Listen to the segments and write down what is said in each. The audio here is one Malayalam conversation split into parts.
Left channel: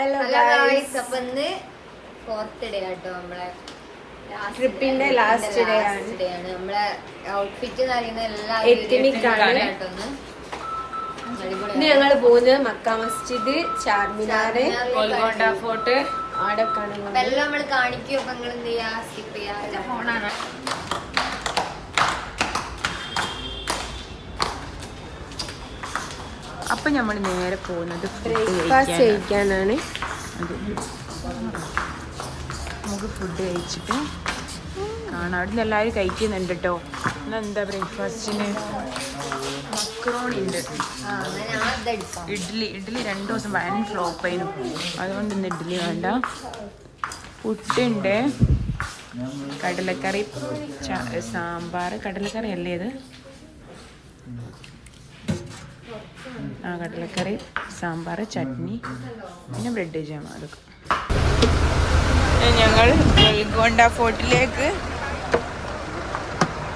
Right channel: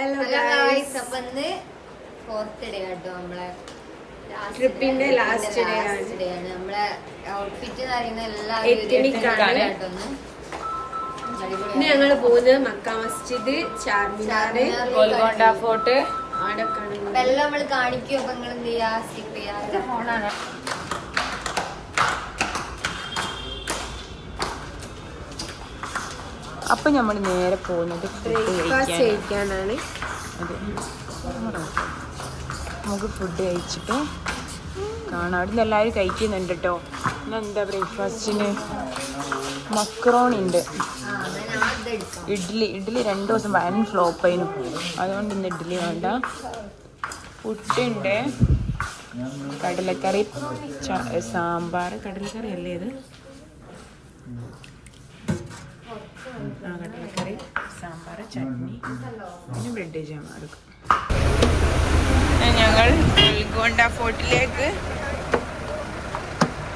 ഹലോ ഗൈസ്, അപ്പൊ ഇന്ന് 4th ഡേ ആട്ടോ, നമ്മളെ ട്രിപ്പിന്റെ ലാസ്റ്റ് ഡേ ആണ്. നമ്മളെ ഔട്ട്ഫിറ്റ് ഞങ്ങൾ പോകുന്നത് മക്ക മസ്ജിദ്, ചാർമിനാറ്, ഗോൽക്കൊണ്ട ഫോർട്ട് ആടൊക്കെയാണ്. അപ്പൊ എല്ലാം നമ്മൾ കാണിക്കും. അപ്പൊ നിങ്ങൾ എന്ത് ചെയ്യാ, സ്കിപ്പ് ചെയ്യാ. ഫോണാണ്. അപ്പൊ നമ്മൾ നേരെ പോകുന്നത് ബ്രേക്ക്ഫാസ്റ്റ് കഴിക്കാനാണ്. നമുക്ക് ഫുഡ് കഴിച്ചിട്ട് കാണാം. അവിടെ നിന്ന് എല്ലാവരും കഴിക്കുന്നുണ്ട് കേട്ടോ. ഇന്നെന്താ ബ്രേക്ക്ഫാസ്റ്റിന് മക്രോണി ഉണ്ട്, ഇഡ്ഡലി 2 ദിവസം വൻ ഫ്ലോപ്പായിരുന്നു. അതുകൊണ്ട് ഇന്ന് ഇഡ്ഡലി വേണ്ട. പുട്ടുണ്ട്, കടലക്കറി, സാമ്പാർ. കടലക്കറി അല്ലേ ഇത്? കടലക്കറി, സാമ്പാർ, ചട്നി, പിന്നെ ബ്രെഡ് ജാം. അതൊക്കെ ഞങ്ങൾ ഗോൽക്കൊണ്ട ഫോർട്ടിലേക്ക്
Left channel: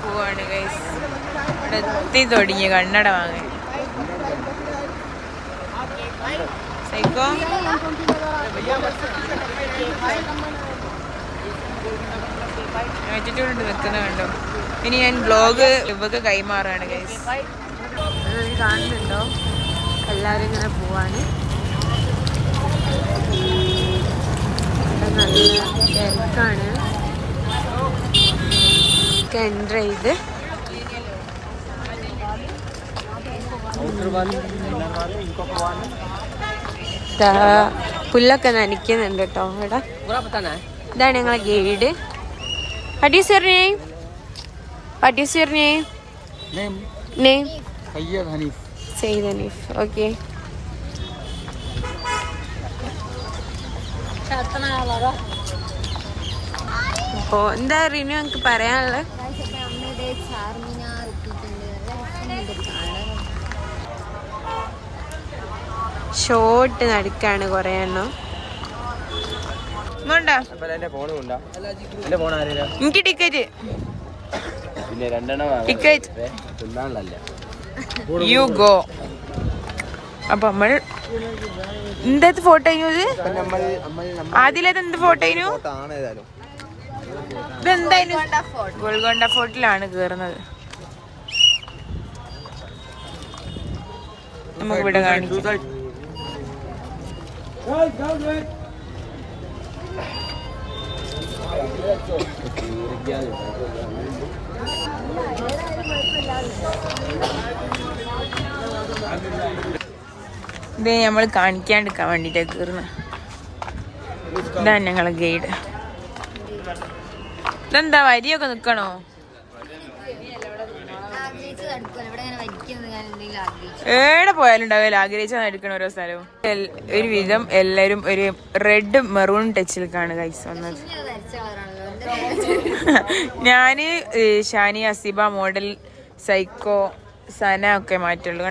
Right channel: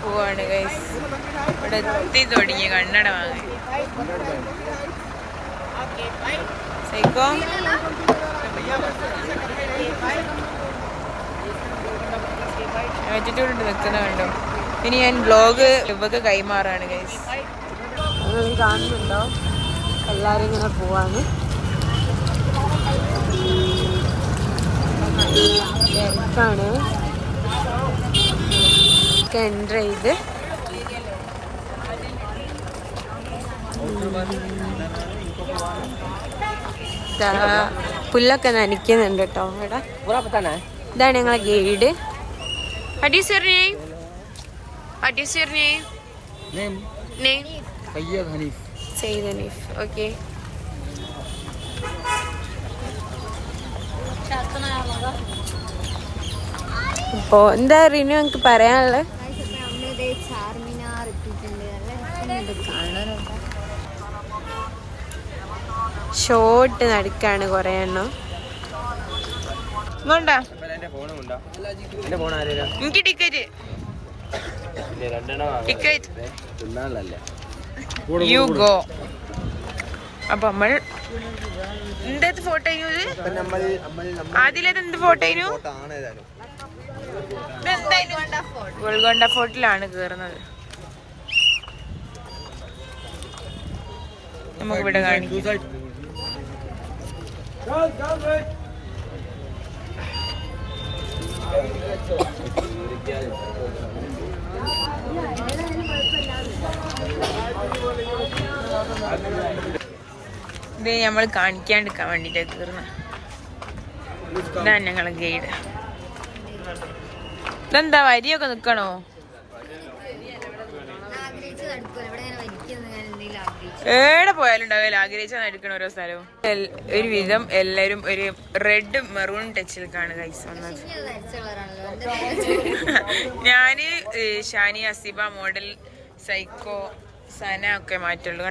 പോവാണ് ഗൈസ്. ഇവിടെ എത്തി തുടങ്ങി കണ്ണട വാങ്ങാൻ. സൈക്കോ വെച്ചിട്ടുണ്ട് നിൽക്കുന്ന കണ്ടോ. ഇനി ഞാൻ ബ്ലോഗ് ഇവക്ക് കൈമാറാണ് ഗൈസ്. അത് കാണുന്നുണ്ടോ? എല്ലാരും ഇങ്ങനെ പോവാണ്. തിരക്കാണ്. എൻ്റർ ചെയ്ത് പുല്ലൊക്കെ നനയ്ക്കുന്നുണ്ട് കേട്ടോ ഇവിടെ. ഇതാണ് ഞങ്ങളെ guide. What is your name? What is your name? Name? Sayyid Hanif. Sayyid Hanif. Okay. ഇപ്പോ എന്താ റിനു എനിക്ക് പറയാനുള്ളത്? ചാർമിനാർ എത്തിയിട്ടുണ്ട്. ഷോട്ട് നടക്കാണ് കൊറേ എണ്ണം. എനിക്ക് ടിക്കറ്റ് യു ഗോ. അപ്പൊ നമ്മൾ എന്ത് ഫോട്ടോ ആദ്യം എന്ത് ഫോട്ടോ ഇതെന്തായാലും ഗോൽക്കൊണ്ട ഫോർട്ടിലാണ് കേറുന്നത്. നമുക്ക് ഇവിടെ കാണിക്കാം. ഇത് നമ്മൾ കാണിക്കാണ്ടിരിക്കാൻ വേണ്ടിട്ട് കയറുന്ന. ഇതാണ് ഞങ്ങളെ ഗൈഡ്. ഇതെന്താ വരിയൊക്കെ നിക്കണോ? എവിടെ പോയാലും ഉണ്ടാവില്ല ആഗ്രഹിച്ചാൽ എടുക്കണ ഓരോ സ്ഥലവും. ഒരു വിധം എല്ലാരും ഒരു റെഡ് മെറൂൺ ടച്ചിലേക്കാണ് ഗൈസ് വന്നത്. ഞാന് ഷാനി, അസിബ, മോഡൽ, സൈക്കോ, സന ഒക്കെ മാറ്റുള്ളൂ.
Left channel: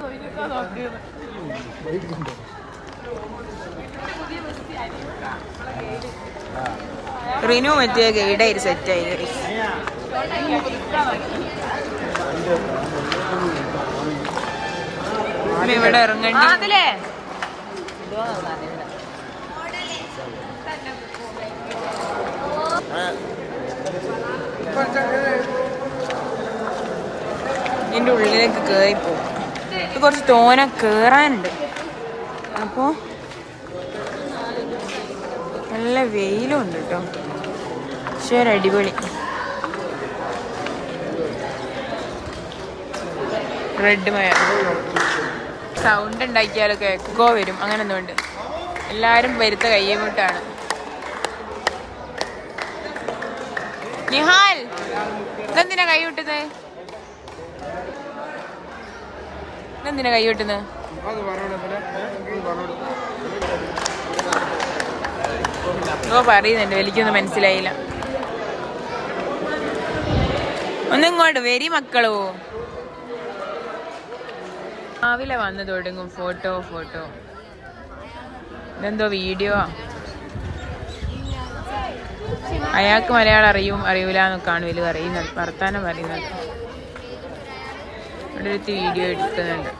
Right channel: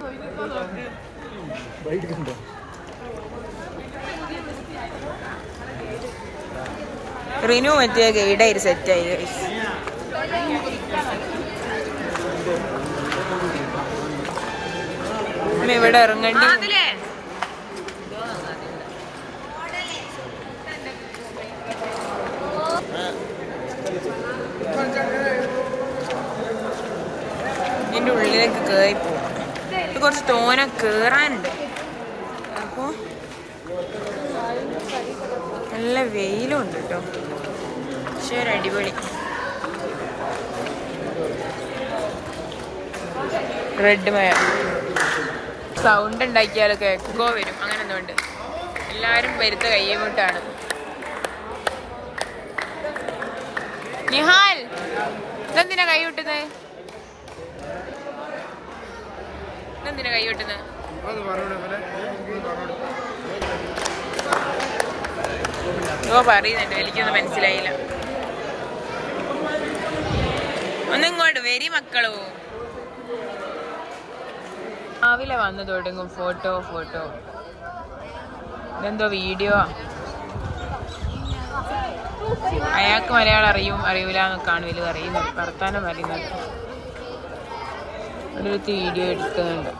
റിനു മറ്റേ ഗൈഡായി സെറ്റായി ഗൈസ്. ഇവിടെ ഇറങ്ങണ്ടി. ഇതിന്റെ ഉള്ളിലേക്ക് കേറി പോകും. ഇത് കുറച്ച് തോന കേറാനുണ്ട്. അപ്പോ നല്ല വെയിലും ഉണ്ട് കേട്ടോ. പക്ഷേ ഒരു അടിപൊളി റെഡ് മഴ. സൗണ്ട് ഉണ്ടാക്കിയാലൊക്കെ എക്കോ വരും. അങ്ങനെ ഒന്നുമുണ്ട്. എല്ലാരും വരുത്ത കയ്യങ്ങോട്ടാണ്. നിഹാൽ, ഇതെന്തിനാ കൈ വിട്ടുന്നത്? ഇതെന്തിനാ കൈ വിട്ടുന്നത്? പറയുന്നുണ്ട്, എനിക്കൊന്നും മനസ്സിലായില്ല. ഒന്നിങ്ങോട്ട് വരി മക്കളോ. രാവിലെ വന്നു തുടങ്ങും ഫോട്ടോ. ഇതെന്തോ വീഡിയോ. അയാൾക്ക് മലയാളം അറിയൂല എന്നൊക്കെയാണ് വലിയ പറയുന്നത്, വർത്താനം പറയുന്നത്. ഇവിടെ ഒരു വീഡിയോ എടുക്കുന്നുണ്ട്.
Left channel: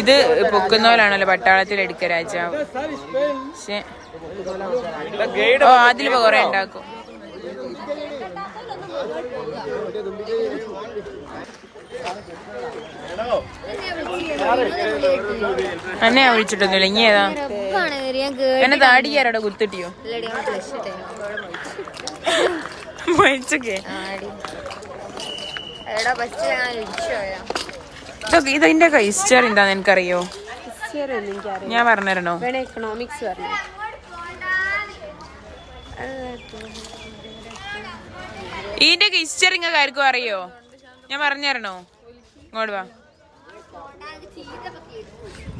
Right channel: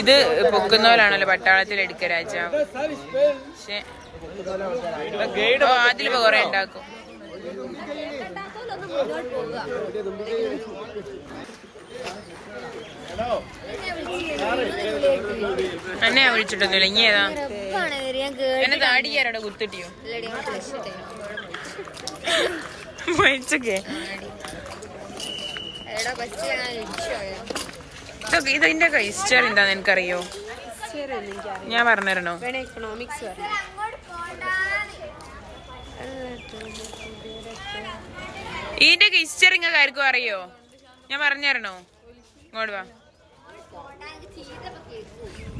ഇത് പൊക്കുന്നവരാണല്ലോ പട്ടാളത്തിൽ എടുക്ക രാജാവ്. പക്ഷെ ഓ അതിലിപ്പോ കൊറേ ഉണ്ടാക്കും. എന്നെ വിളിച്ചിട്ടൊന്നുമില്ല. ഇനി ഏതാ എന്നെ താടിക്കാരോടെ കുത്തിട്ടിയോ മരിച്ചൊക്കെ? ഇതിന്റെ ഹിസ്റ്ററി എന്താന്ന് എനിക്കറിയോ? ഞാൻ പറഞ്ഞുതരണോ? ഇതിന്റെ ഹിസ്റ്ററി നിങ്ങൾക്ക് ആർക്കും അറിയോ? ഞാൻ പറഞ്ഞുതരണോ? ഇങ്ങോട്ട് വാ.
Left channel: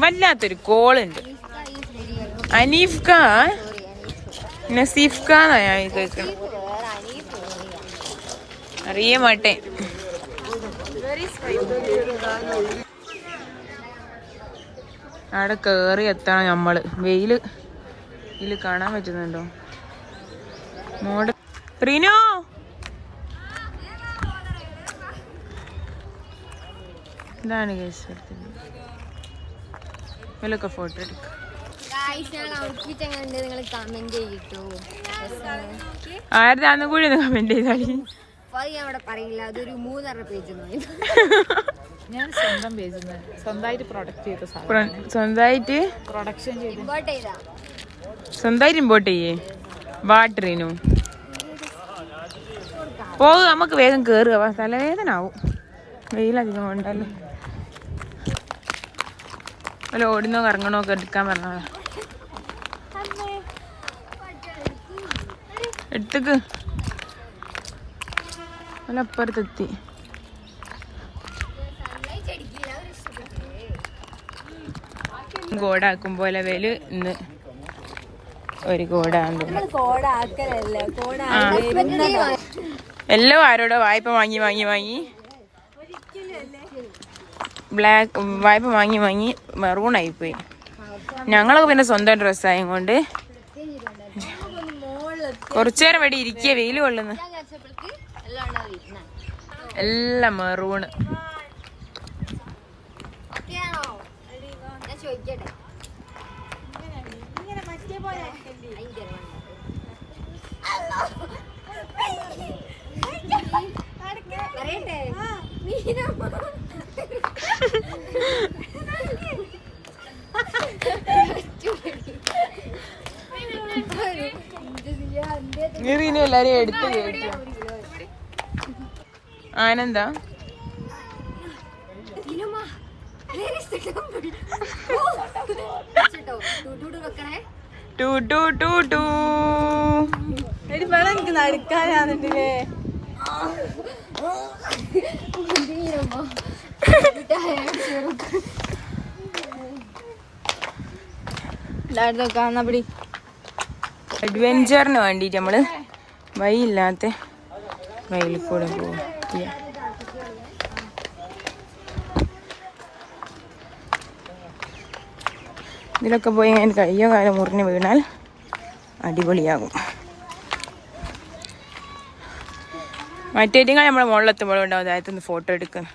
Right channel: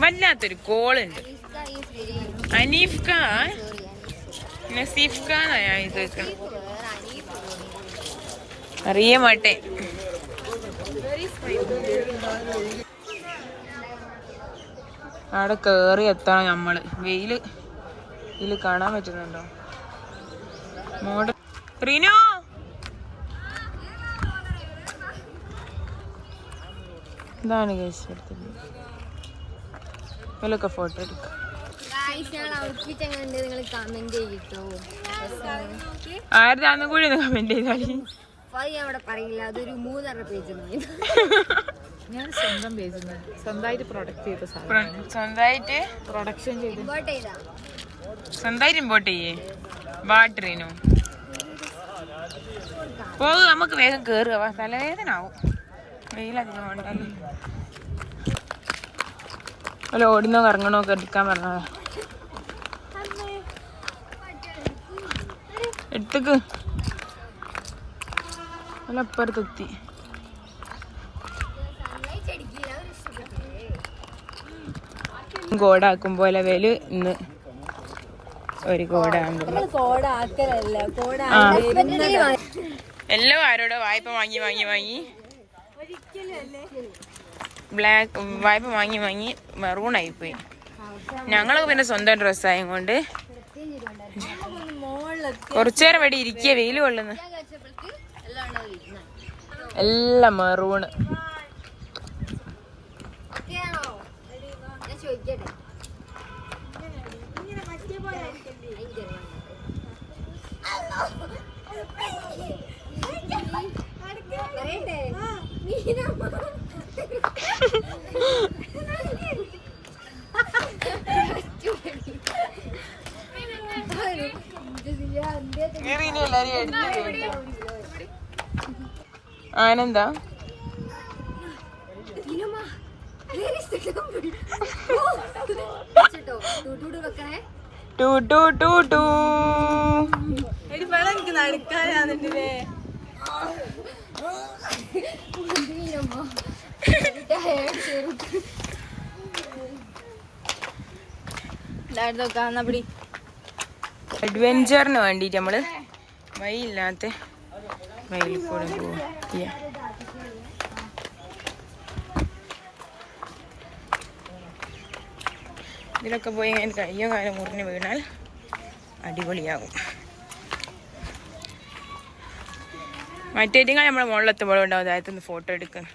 വല്ലാത്തൊരു കോളുണ്ട്. അനീഫ്ക നസീഫ്ക എന്നാ ഞാൻ കേൾക്കണം. അറിയ മാട്ടേ. അവിടെ കേറി എത്തണം നമ്മള്. വെയില് ഇതില് കാണാൻ പറ്റുന്നുണ്ടോ? മോഡ് റീനോ ഇതാണ് കേസ് എടുത്തത്. ഇതിലൊക്കെ ഫോട്ടോ എടുക്കാം. ആരുതാന്നും കൂടി ഒന്ന് കമന്റ് ചെയ്താൽ പറയില്ല. അതൊരു 3.5 പേജ്. ഞാൻ സ്വന്തം പേജിൽ സ്വന്തമായിട്ട് പ്രൊഡക്റ്റ് ചെയ്ത സ്വന്തമായിട്ട് പ്രൊഡക്ഷൻ ചെയ്ത് സ്വന്തമായിട്ട് ഇമ്പോർട്ട് ചെയ്യേ. വാട്ടറിനു പോകും. നമുക്ക് വേഗം കേറുക. തലവേദന ആവും. വെയിലധികം ഉണ്ടല്ലോ. അല്ല ഓടുന്നോ കറങ്ങണോ ഒക്കെ എടുക്കാൻ പറഞ്ഞതാ. എടുത്തേക്ക്. അല്ല അപ്പുറത്തെത്തി. കോടാക്കും പോലെ വേല് ഇന്ന് ഒരു കോടാകും. എല്ലോ ആരോടോ വായ്പ വാങ്ങി വാങ്ങി വാങ്ങി ബ്ലാക്ക് വായ്പ വാങ്ങി വാങ്ങി മെറൂൺ ആയിപ്പോയി. ഞങ്ങളൊക്കെ പിന്നെ സ്വന്തം ഡ്രസ്സായും കൊണ്ട് കുറച്ചേരം ഇവിടെ ഇരിക്കുക. വെയിൽ കൊള്ളുന്നു. എല്ലാം മെറൂണ്. എല്ലാരും എടുത്ത് ആനന്ദാ അഡ്വെഞ്ചറിന് വേണ്ടിട്ട് നമ്മള് വഴിയില്ലാത്ത വഴിയിൽ കൂടെ പോവാ. ഇതിലൊക്കെ പോയി അങ്ങനെ കയ്യോ കാലം മുറിഞ്ഞ് വീണാൽ അടിപൊളിയാകും. മറ്റേറ്റിങ്ങൾ നമ്മുടെ മുകളിലെത്തുമ്പോഴും ഉണ്ടാവും അതായത് ഫോട്ടോ എടുക്കുന്ന.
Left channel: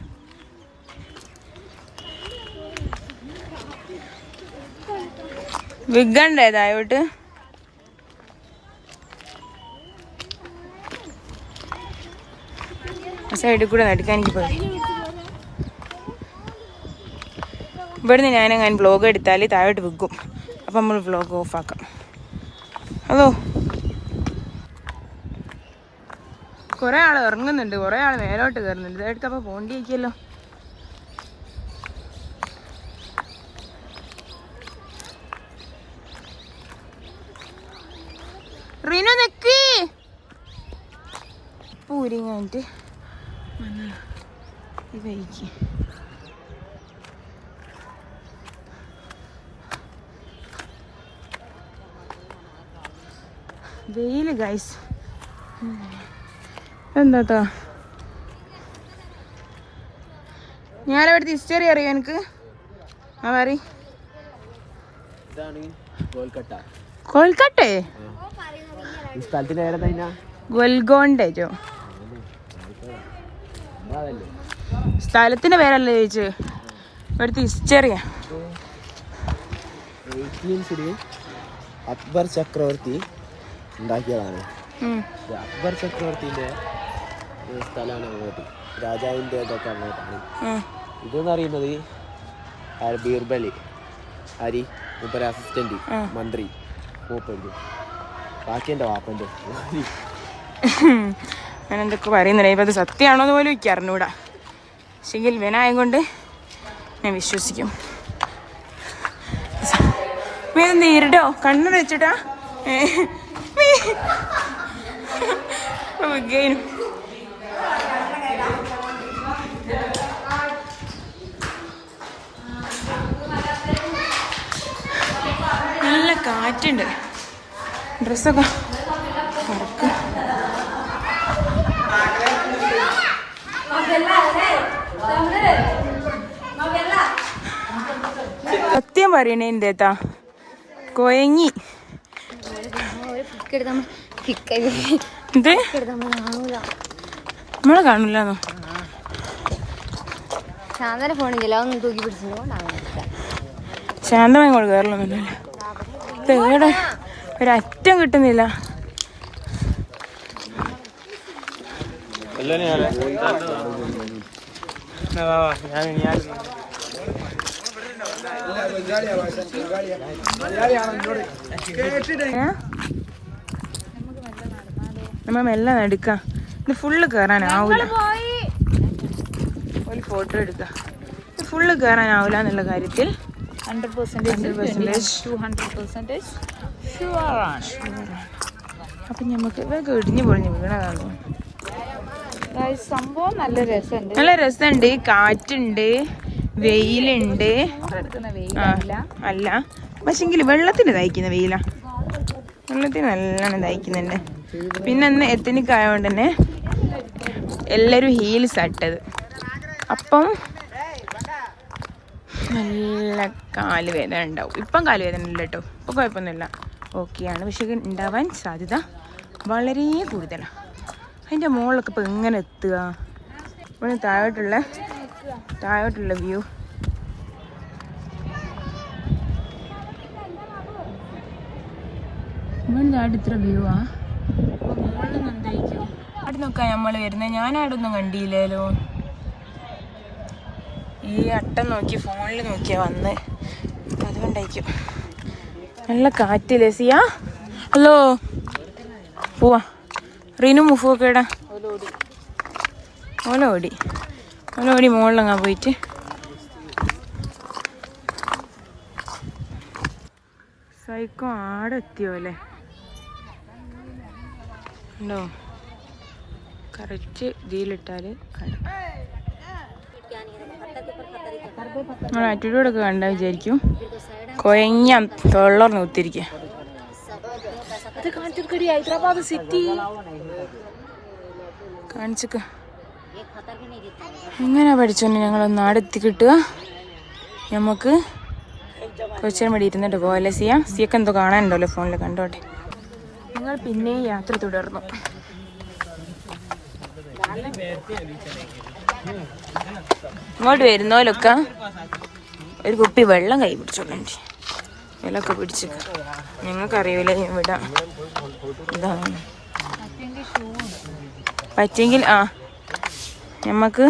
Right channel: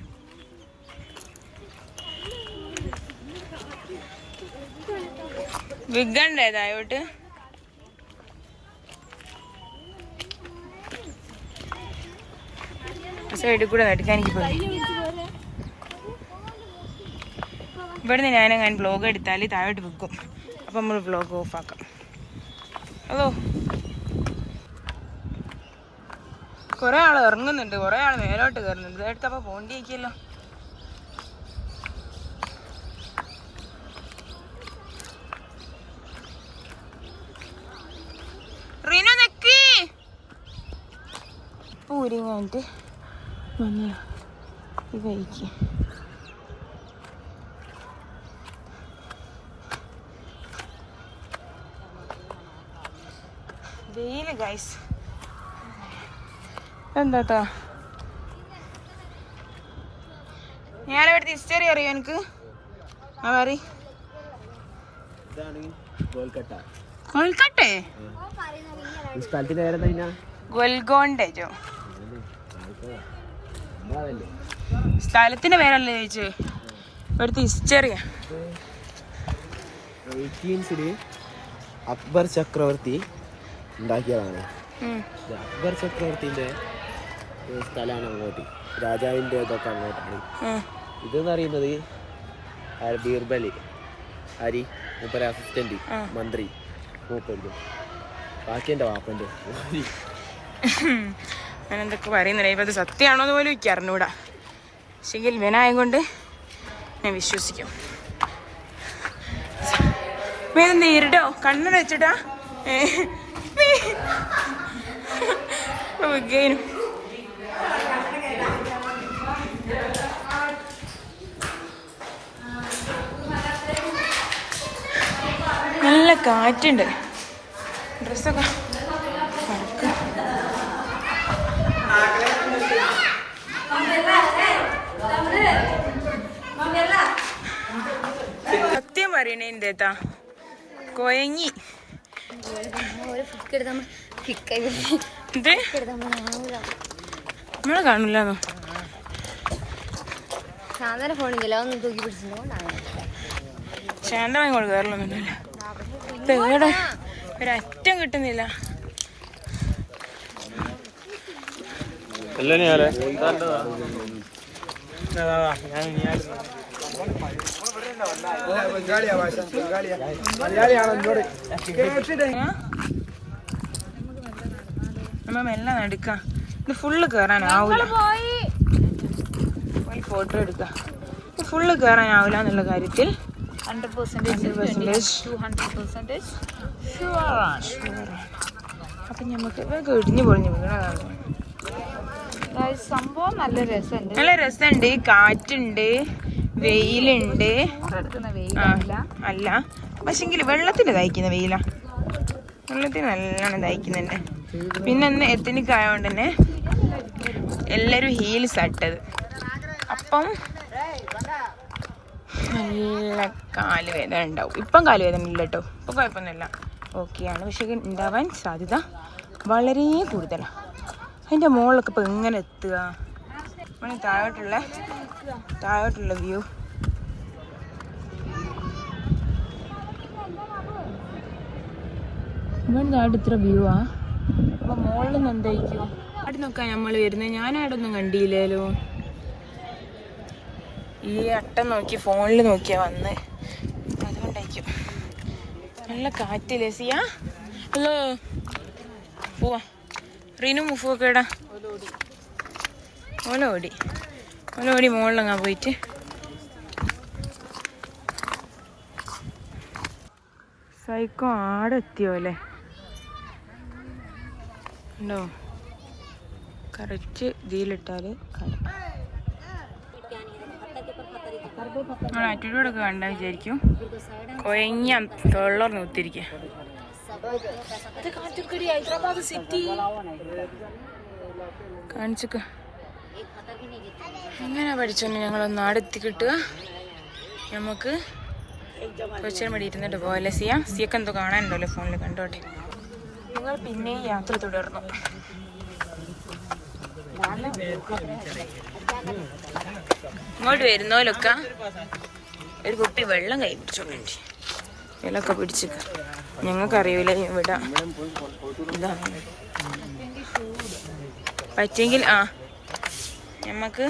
വിഗണ്ട് ഏതായോട്ട് സൈഡിൽ കൂടെ നടക്കാൻ എനിക്ക് പോയി. ഇവിടുന്ന് ഞാൻ വ്ലോഗ് എടുത്താൽ താഴോട്ട് വിൽക്കും. അപ്പം നമ്മൾ വ്ലോഗ് ഓഫാക്കാം. അതോ കുറേ ആൾ ഇറങ്ങുന്നുണ്ട്, കുറേ ആൾ മേലോട്ട് കയറുന്നുണ്ട്. ഇതെടുത്തപ്പോൾ പോണ്ടിയേക്കല്ലോ. റീനോ നെക്കി പൂരി കഴിഞ്ഞിട്ട് വന്ന ഈ വഴിക്ക് വെയില് ഗൈസ്. എന്താ ഞാനവിടുത്തെ ഹിസ്റ്ററി അറിയോ എനിക്ക്? ആ പറ. കൊൽക്കട്ടേ? ഗോൽഗോണ്ടോ? സ്ഥലത്തിന്റെ പേരല്ലേ ചോദിച്ചു. ഇവിടുത്തെ ഹിസ്റ്ററിയാ. അക്ബർ ചക്രവർത്തി ഉണ്ടാക്കിയതാണ്. അക്ബർ ചക്രവർത്തിന്റെ സ്ഥലമാണ് അങ്ങോട്ട്, രാജാവിന്റെ ഇതൊക്കെ അങ്ങോട്ടാണ്. ഇതെന്ന് പറയുന്നത് ബീർബലി ഹരി മൂപ്പര അസിസ്റ്റന്റ് മന്ത്രി മൂപ്പരുത്, ബാക്കി എന്റെ വാപ്പന്റെ. ഞാൻ എന്തൊക്കെ പറയുന്നില്ല, ഇപ്പം അത് സത്യമാണോന്ന് പോലും എനിക്ക് അറിഞ്ഞൂടാ. പക്ഷെങ്കിൽ വിനായം ഞാൻ വിശ്വസിക്കും. വേദന ഇരുടോ കണ്ണു വെച്ചിട്ടാ നല്ല കാറ്റുണ്ട്, ഡ്രസ്സൊക്കെ പറക്കും. സത്യം പറയണേ എന്തേത്താ കൊയങ്ങി. ഇത് നമ്മളെ കാണില്ലാന്നോ? ശാന്തമായി കൊണ്ട് കയറലൊന്നുമില്ല. ഇവിടെ ഒരറ്റം കിട്ടുന്നില്ല. നമ്മ മെല്ലെ എടുക്കാം. ഇത് ഫുള്ള് കയറാനാവൂല. ഒരു ഫോട്ടോ എടുക്കാം. ഇത് ഫുള്ള് കയറാനാവൂല എന്നുള്ള കാര്യത്തിൽ 100% അപ്പൊ നമുക്ക് ഇതൊക്കെ ഇടിഞ്ഞു പൊളിഞ്ഞു വീണതാണ്. സംഭവം നല്ല രസമുണ്ട്. നല്ല രസമുണ്ട്, കാറ്റുണ്ട്, വെയിലുണ്ട്. അല്ല പക്ഷെങ്കിൽ വെള്ളത്തിന് തയ്ക്കുന്ന വെയിലാ, വെള്ളത്തിന് നല്ലോണം തയ്ക്കുന്നുണ്ട്. പിന്നെ അന്ന് എത്തനിക് ആയതുകൊണ്ട് തന്നെ എല്ലാവരും ഹീൽസ് ഇട്ടത്. അപ്പം നല്ല കാലുവേദന ഉണ്ടാവും. ഇപ്പം കാലുവേദന ഇല്ല കേട്ടോ, ഇപ്പം കുഴപ്പമൊന്നുമില്ല, ഓക്കെയാണ്. പക്ഷെ ഉണ്ടാവാൻ സാധ്യത വളരെ കൂടുതലാണ്. അതിൻ്റെ മുകളിലൊക്കെ ഇപ്പം എങ്ങനെ എത്തുക? ഇവിടെ താഴോട്ടുള്ള വ്യൂ. ഇവൻ്റെ അവിടെ ഇത്ര വ്യൂ ആ. അപ്പം മുകളിൽ നിന്ന് എന്തായിരിക്കും? അവിടെ നോക്കാൻ നമ്മൾ വരുന്നത്. ഞാനവിടൊന്നും കണ്ടില്ലല്ലോ. ഈ അട്ടം നോക്കി ഫോണിൽ നോക്കിയാ വന്ന്, അതുകൊണ്ടായിരിക്കും. നല്ല കാറ്റില്ലേ സിയാ? ഹലോ പോവാ. റീനു മുഫൊക്കെ ഇടാ. ഓലോടി മുകളിലങ്ങാ പോയിട്ട്. സൈക്കോ ആടെ എത്തിയോ അല്ലേ? ഉണ്ടോ? കറക്റ്റ് ഇതിലിട്ടാല് ആറ്റിറ്റ്യൂഡൊക്കെ കണ്ടാ വിചാരിക്കും കൊയങ്ങ തൊള്ളർന്ന് കുത്തിരിക്ക. ഹൈദരാബാദ് സിറ്റി കാണിച്ചൊക്കെ എങ്ങനെ പഠിച്ചോണ്ട് ഞങ്ങളൊന്ന് ആടെത്തി കിട്ടുക. നമുക്ക് കുറച്ചേരം വേണ്ടി ഇരുന്നിട്ട് പോകല്ലേ സിയൊക്കെ എന്തോ കാണാനുണ്ടല്ലോ ഫോണിൽ, കണ്ടോട്ടെ. ഞങ്ങൾ പിന്നെ യാത്ര തുടർന്നു. ഇങ്ങോട്ട് വരുന്നോലൊക്കെ ഒരു കുപ്പി വെള്ളം കൈ പിടിച്ചോണ്ട് വെള്ളമൊക്കെ പിടിച്ച്. ഞങ്ങൾക്കറിയൂല ഇവിടെ ഇതാണ് പറ്റെങ്കിൽ. ഞമ്മക്ക്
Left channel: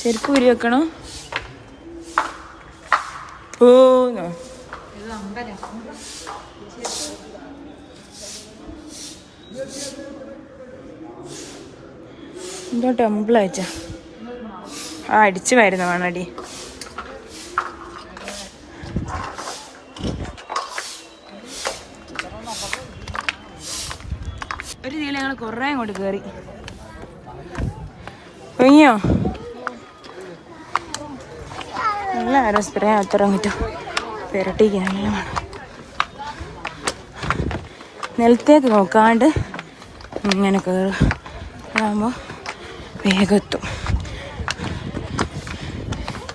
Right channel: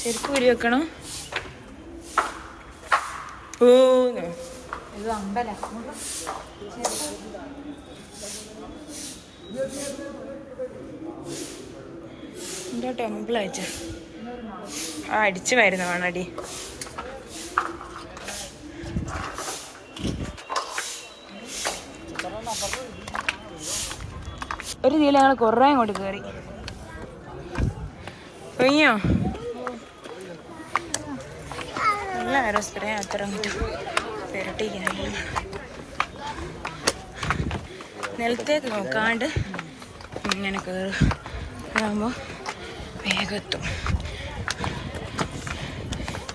ചെരുപ്പ് ഉരി വെക്കണോ? എന്തോ ടെമ്പിൾ അയച്ചാ അടിച്ചു വരുന്ന വേണടി. ഒരു രീതിയിൽ ഞങ്ങൾ കുറേ അങ്ങോട്ട് കയറി. കഴിഞ്ഞോ? നല്ല സ്പ്രേ അത്ര കിട്ടും. പെരട്ടിക്ക് നല്ലതാണ്. നിലത്തേക്ക് നോക്കാണ്ട് ഇങ്ങനെ കയറുക. അതാകുമ്പോൾ വേഗത്തും.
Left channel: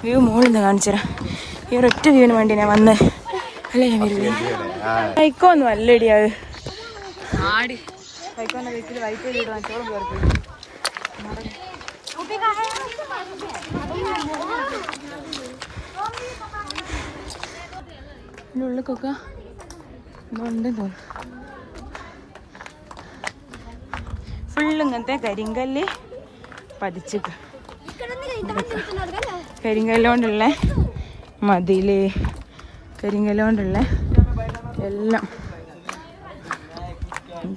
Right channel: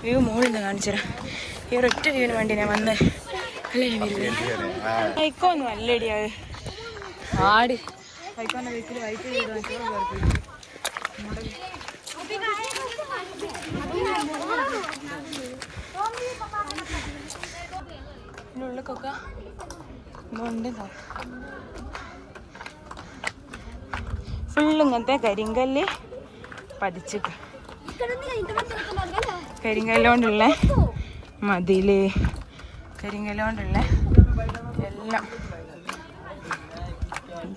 വ്യൂ മുകളിൽ നിന്ന് കാണിച്ചു തരാം. ഈ ഒരൊറ്റ വ്യൂവിന് വേണ്ടി ഞാൻ വന്ന് അല്ലേ ഞാൻ വരില്ല. സൈക്കോന്നും അല്ലടി അത് ആടി സൈക്കോന്റെ വീട്ടിൽ വൈറ്റ് ഉള്ളിക്കൊക്കെ ഉണ്ട്. ഫുള്ള് ഇങ്ങനത്തെ കരിങ്കല്ല് പതിച്ചിട്ട് കരിങ്കല്ലുകൊണ്ടുള്ള മതില്, കരിങ്കല്ലുകൊണ്ടുള്ള എല്ലാം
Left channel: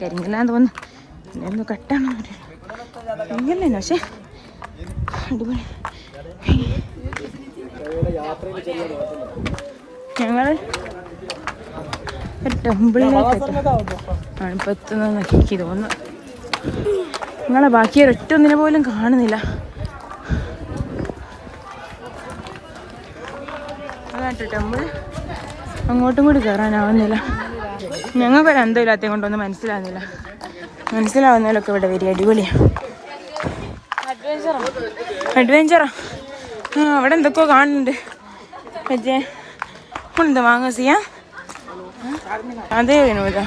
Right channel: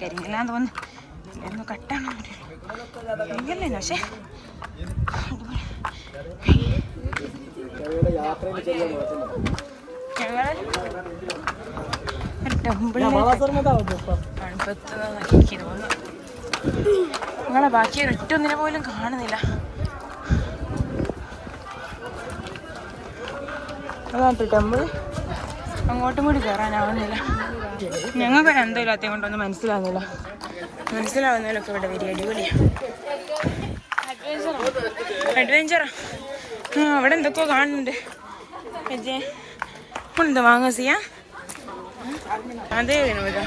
കരിങ്കല്ലാന്ന് തോന്നുന്നു. ഒന്ന് കട്ടാണോ കരിങ്കല്ലേ പക്ഷേ ഞങ്ങള് ഒരു ടെമ്പിൾ തണുപ്പത്തുനിന്ന് എനിക്ക് തോന്നുന്നു. ഞങ്ങളെ ബാക്കി ഒരൊറ്റൊന്നിനെ പോലും കാണുന്നില്ല. അതാട്ടോ ടെമ്പിൾ. അങ്ങോട്ടും കൂടി കയറാനാവുന്നില്ല. ഞങ്ങൾക്കൊരു അന്തമില്ലാത്തത് കൊണ്ടൊന്നും മനസ്സിലാവുന്നില്ല. മനസ്സിലാവുന്നതിലൊക്കെ ഇവിടെ വരും. അടിപൊളിയാണ്. അഡ്വഞ്ചറാ. അവിടെ എന്തൊക്കെയോ കാണുന്നുണ്ട്. മറ്റേ ഉണ്ട് മാങ്ങസിയ അതേ വിനോദ.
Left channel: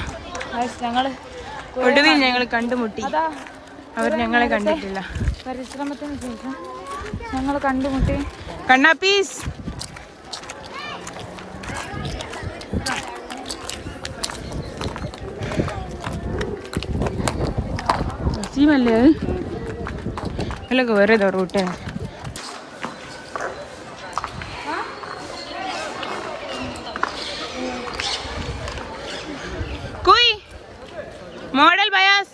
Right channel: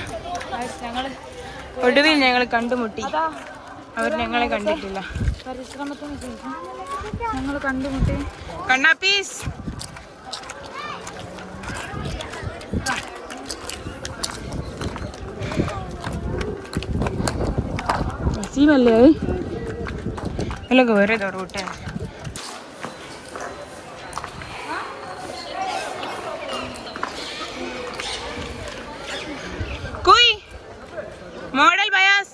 ഒടുവിൽ ഞങ്ങൾ കണ്ടുമുട്ടി. അവർ ഞങ്ങളെ കണ്ടിട്ടില്ല. പരിശ്രമത്തിന് ശേഷം ഞങ്ങൾ കണ്ടുമുട്ടി. കണ്ണാപ്പീസ് സീമല്ലേ അല്ലൊക്കെ വേറെ ഏതോ റൂട്ട്. കുയ് മോഡൽ ബയാസ്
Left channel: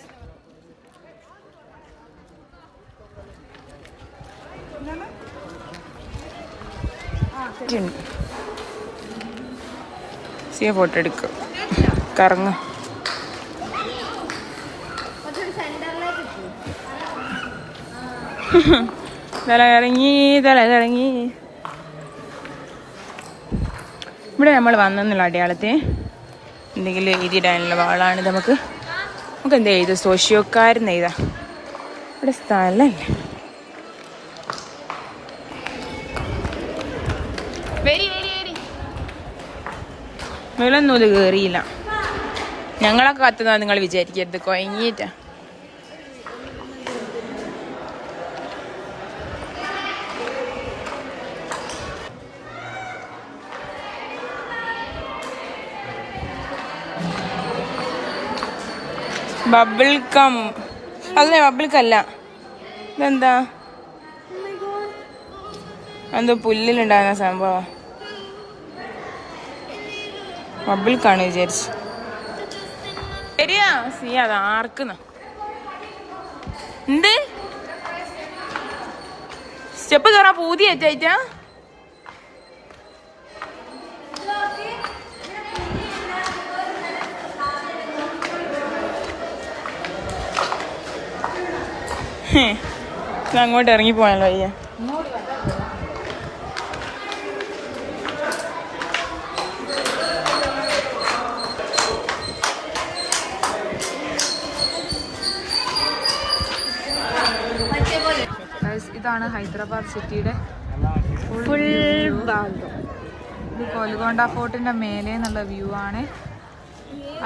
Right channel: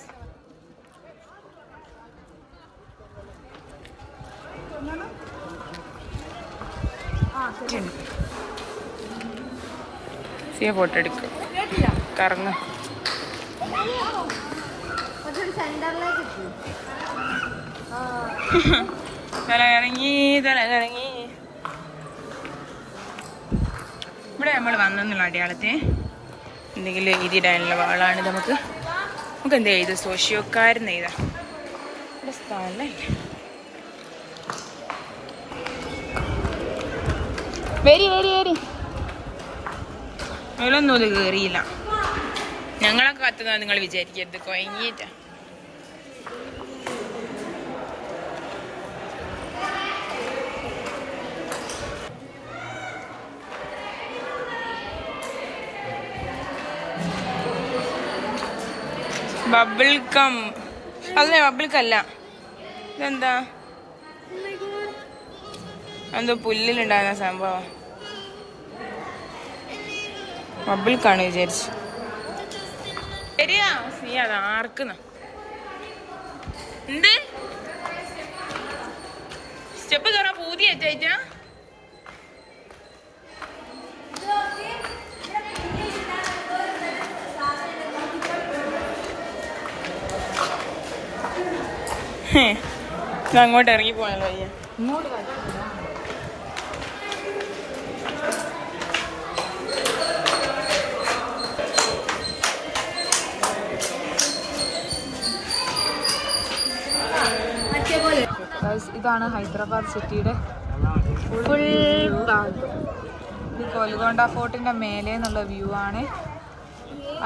സിയ ഫോട്ടോ എടുക്കും. കറങ്ങ തലകറങ്ങി തലകറങ്ങി. ഇവിടെ നമ്മൾ വന്നെന്നുള്ള അടയാളത്തെ എന്തെങ്കിലും എഴുതിയിടാനുള്ള വാളാണിത്. നമുക്ക് എന്താ എഴുതുക? സോഷ്യോക്കാരെന്ന് എഴുതാം. ഇവിടെ സ്ഥലമില്ല. വരി വരി വരി. നൂലൊന്നും ഇത് കയറിയില്ല. ഞങ്ങളൊക്കെ കത്തുന്ന നിങ്ങൾ വിചാരിക്കരുത്. കൊയങ്ങിയിട്ടാ. ബബിൾ കം അല്ലേ? ബബിൾക്കല്ല. ഇതെന്താ? എന്തോ പുല്ലിലുണ്ടാകുന്ന സംഭവം. ബബിൾക്കാണ് വിചാരിച്ചു. ശരിയാ സീ അത് ആർക്കുന്ന എന്ത് സ്റ്റെപ്പ് കയറാൻ പൂതി ഏറ്റായിട്ടാ. അങ്ങോട്ട് ഇറങ്ങി പോയാലോ വയ്യ. ഇതാണ് ഹൈദരാബാദ് സിറ്റിയുടെ ഫുൾ വ്യൂ. ഇത് ഗോൽക്കൊണ്ട ഫോർട്ടിന്റെ മേലെ എന്നുള്ള വ്യൂ ആണ്.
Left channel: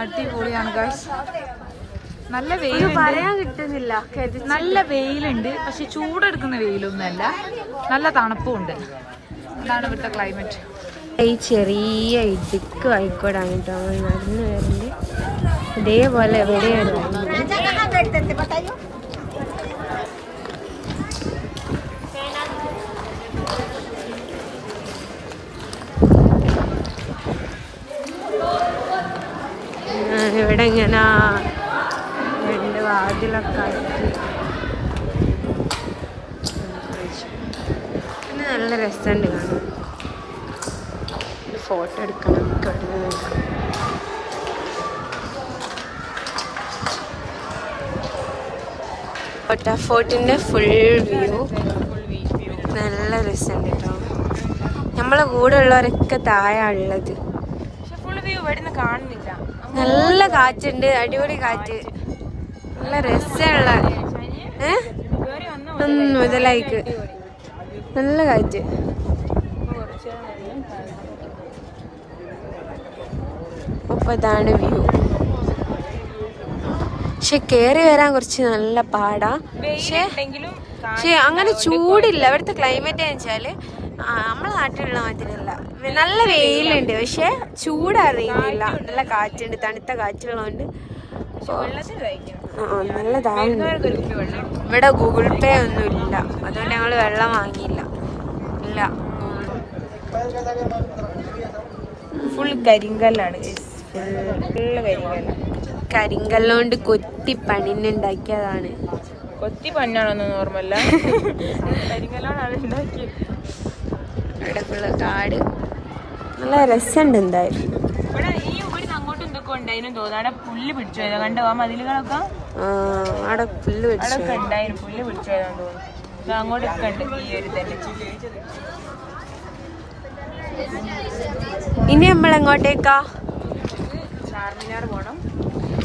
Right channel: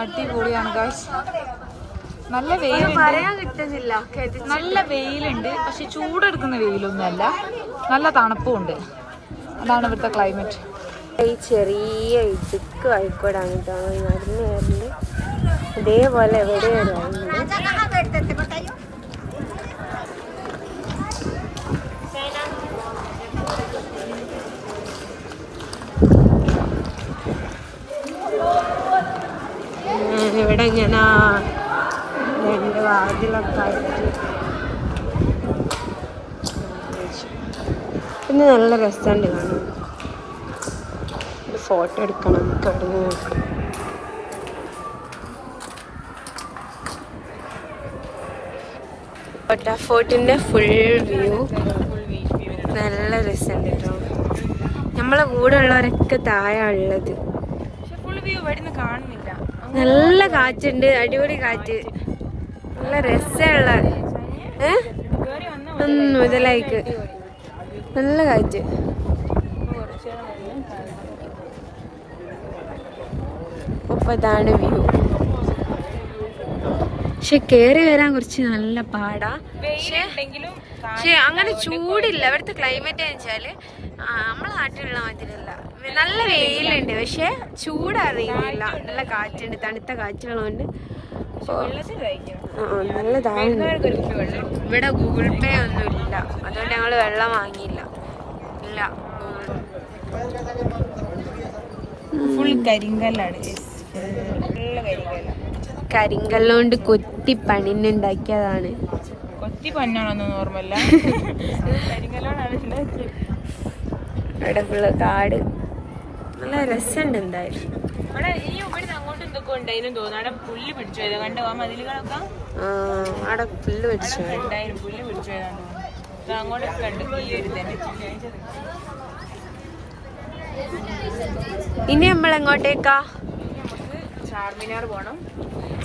അടിപൊളിയാണ് ഗൈസ്. നല്ല വെയിലുണ്ട്. നല്ല വെയിലുണ്ട്. പക്ഷെ ചൂടെടുക്കുന്ന വെയിലൊന്നുമല്ല. നല്ല തണുപ്പും ഉണ്ട്. അതാണ് ഇവിടുത്തെ ക്ലൈമറ്റ്. ഈ ചെറിയ ഇടുക്ക് ആയിക്കോടാണ് കേട്ടോ നടന്നു വരുന്നുണ്ട്. ഇതേപോലെ എവിടെയാണ് ഇവിടെ ഇങ്ങനെ രണ്ട് വാതിലൊക്കെ ആയിട്ട് ഇന്ന് നല്ല രസമുണ്ട് കാണാൻ. ഒരു ഫോട്ടോ എടുക്കണം. നമുക്ക് അവിടെ നിന്ന് നോക്കാം. ഫോർട്ടിൻ്റെ ഫുൾ വ്യൂ നല്ല രസമുണ്ട് കേട്ടോ. നമ്മളെ കൂടെ ഉള്ളവരൊക്കെ താഴെ ഉള്ളത്. നല്ല കാറ്റുണ്ട്, അടിപൊളി കാറ്റ്, നല്ല രസമുള്ള മുതലായിക്ക് നല്ല കാറ്റ്. അപ്പൊ ഇതാണ് വ്യൂ. പക്ഷെ കേറി വരാൻ കുറച്ച് നല്ല പാടാ. പക്ഷെ അങ്ങനെ ചൂടില്ല. ഇവിടുത്തെ ക്ലൈമറ്റ് എന്ന് വെച്ചാല് നമ്മളെ നാട്ടിലുള്ള മാതിരിയല്ല. നല്ല വെയിലുണ്ട്, പക്ഷെ ചൂടറിയുന്നില്ല. നല്ല കാറ്റുണ്ട്, തണുത്ത കാറ്റുള്ളതുകൊണ്ട് നല്ലതാണ്. ഇവിടെ ഗൂഗിൾ പേ ഒന്നും ഇല്ല, അതുകൊണ്ട് ഞങ്ങൾ വെള്ളം വാങ്ങിയില്ല. ഇല്ല, ഫുൾ കരിങ്കല്ലാണ്. കരിങ്കല്ലുകൊണ്ട് കൊത്തി പണിന്നുണ്ടാക്കിയതാണ്. കൊത്തി പന്നാണോന്ന് ഓർമ്മല്ല. കരിങ്കല്ലോണാണ് ഉണ്ടാക്കിയത്. ഇവിടെ ഫുള്ള് കാട്, നല്ല രസമുണ്ട് എന്തായാലും. ഇവിടെ അങ്ങോട്ടും ഇതൊക്കെ ഉണ്ടായിരുന്നു തോന്നുന്നു. അവിടെ പുല്ല് പിടിച്ചു പോയതാ കണ്ടോ ആ മതിലുകളൊക്കെ. അവിടെ പുല്ല് പിടിച്ചു പുല്ല് പിടിച്ചു പോയതാന്ന് തോന്നുന്നു. അങ്ങോട്ടൊക്കെ ഉണ്ട് ഈ ഒരു തന്നെ. ഇനി നമ്മൾ എങ്ങോട്ടേക്കാ? ചാർമിനാർ പോണം.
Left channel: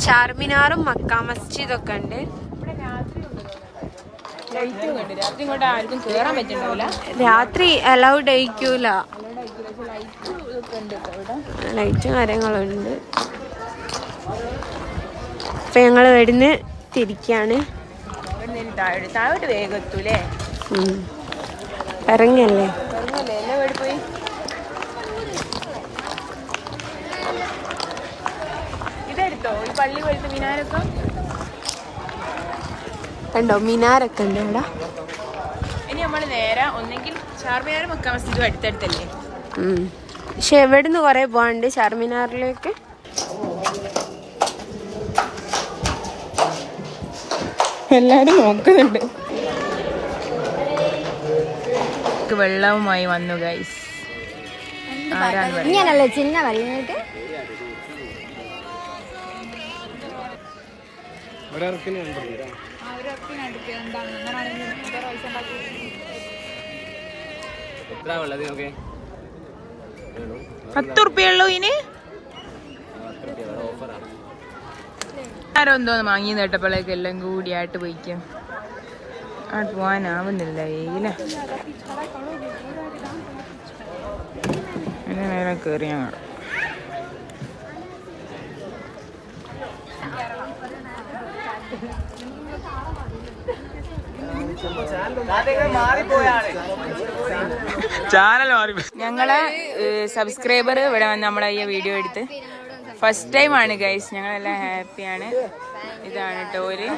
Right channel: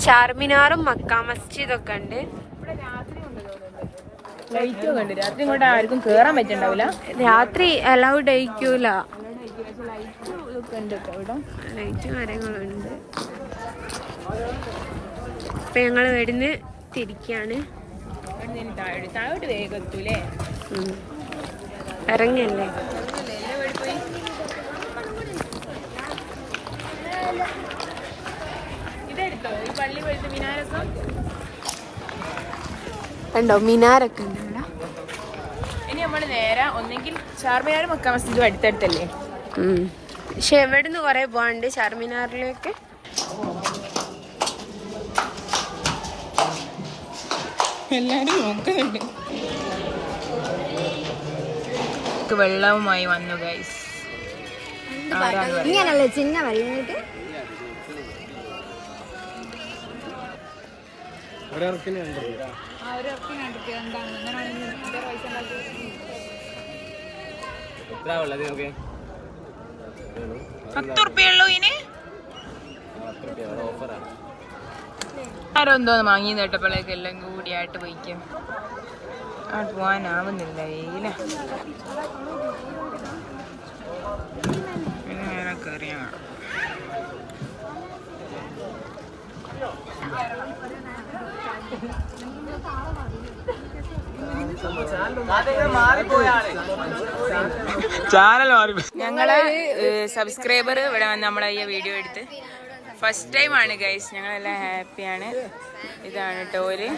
ചാർമിനാറും മക്ക മസ്ജിദൊക്കെ ഉണ്ട്. രാത്രി ഇങ്ങോട്ട് ആർക്കും കേറാൻ പറ്റണ്ടാവില്ല. രാത്രി അലൗഡ് ആയിരിക്കൂല, ലൈറ്റും കാര്യങ്ങളുണ്ട്. അപ്പൊ ഞങ്ങൾ ഇവിടുന്ന് തിരിക്കാണ്. താഴോട്ട് വേഗം എത്തൂലേ? ഇറങ്ങല്ലേ. കണ്ടോ മിനാരൊക്കെ ഉണ്ട് ഇവിടെ. ഇനി നമ്മള് നേരെ ഒന്നെങ്കിൽ ചാർമിനാർ മക്ക മസ്ജിദും അടുത്തടുത്തല്ലേ. പക്ഷെ എവിടുന്ന് കൊറേ പോവാണ്ട് ചാർമിനാറിലേക്ക്. എല്ലാരും നോക്കുന്നുണ്ട്. വെള്ളവുമായി വന്നു ഗൈസ്. ചിന്ന വെള്ളം $10 ഇനി ആരോ എന്തോന്ന് വാങ്ങി കേട്ടപ്പോഴേക്ക് എല്ലാം കൂടിയായിട്ട് പോയിക്കും. പോവാനാവുന്നില്ല, വെയില. നേരെ കയറിയാ ഞങ്ങള് സബ്സ്ക്രൈബർ ഇവിടെ വന്ന് നമ്മളെ ഈ വീഡിയോ എടുത്ത് ഫസ്റ്റ് ടൈം ആണ് ഗൈസ്. ഞങ്ങളെല്ലാം ഹാപ്പിയാണ്. ഇതാണ് ടോര്.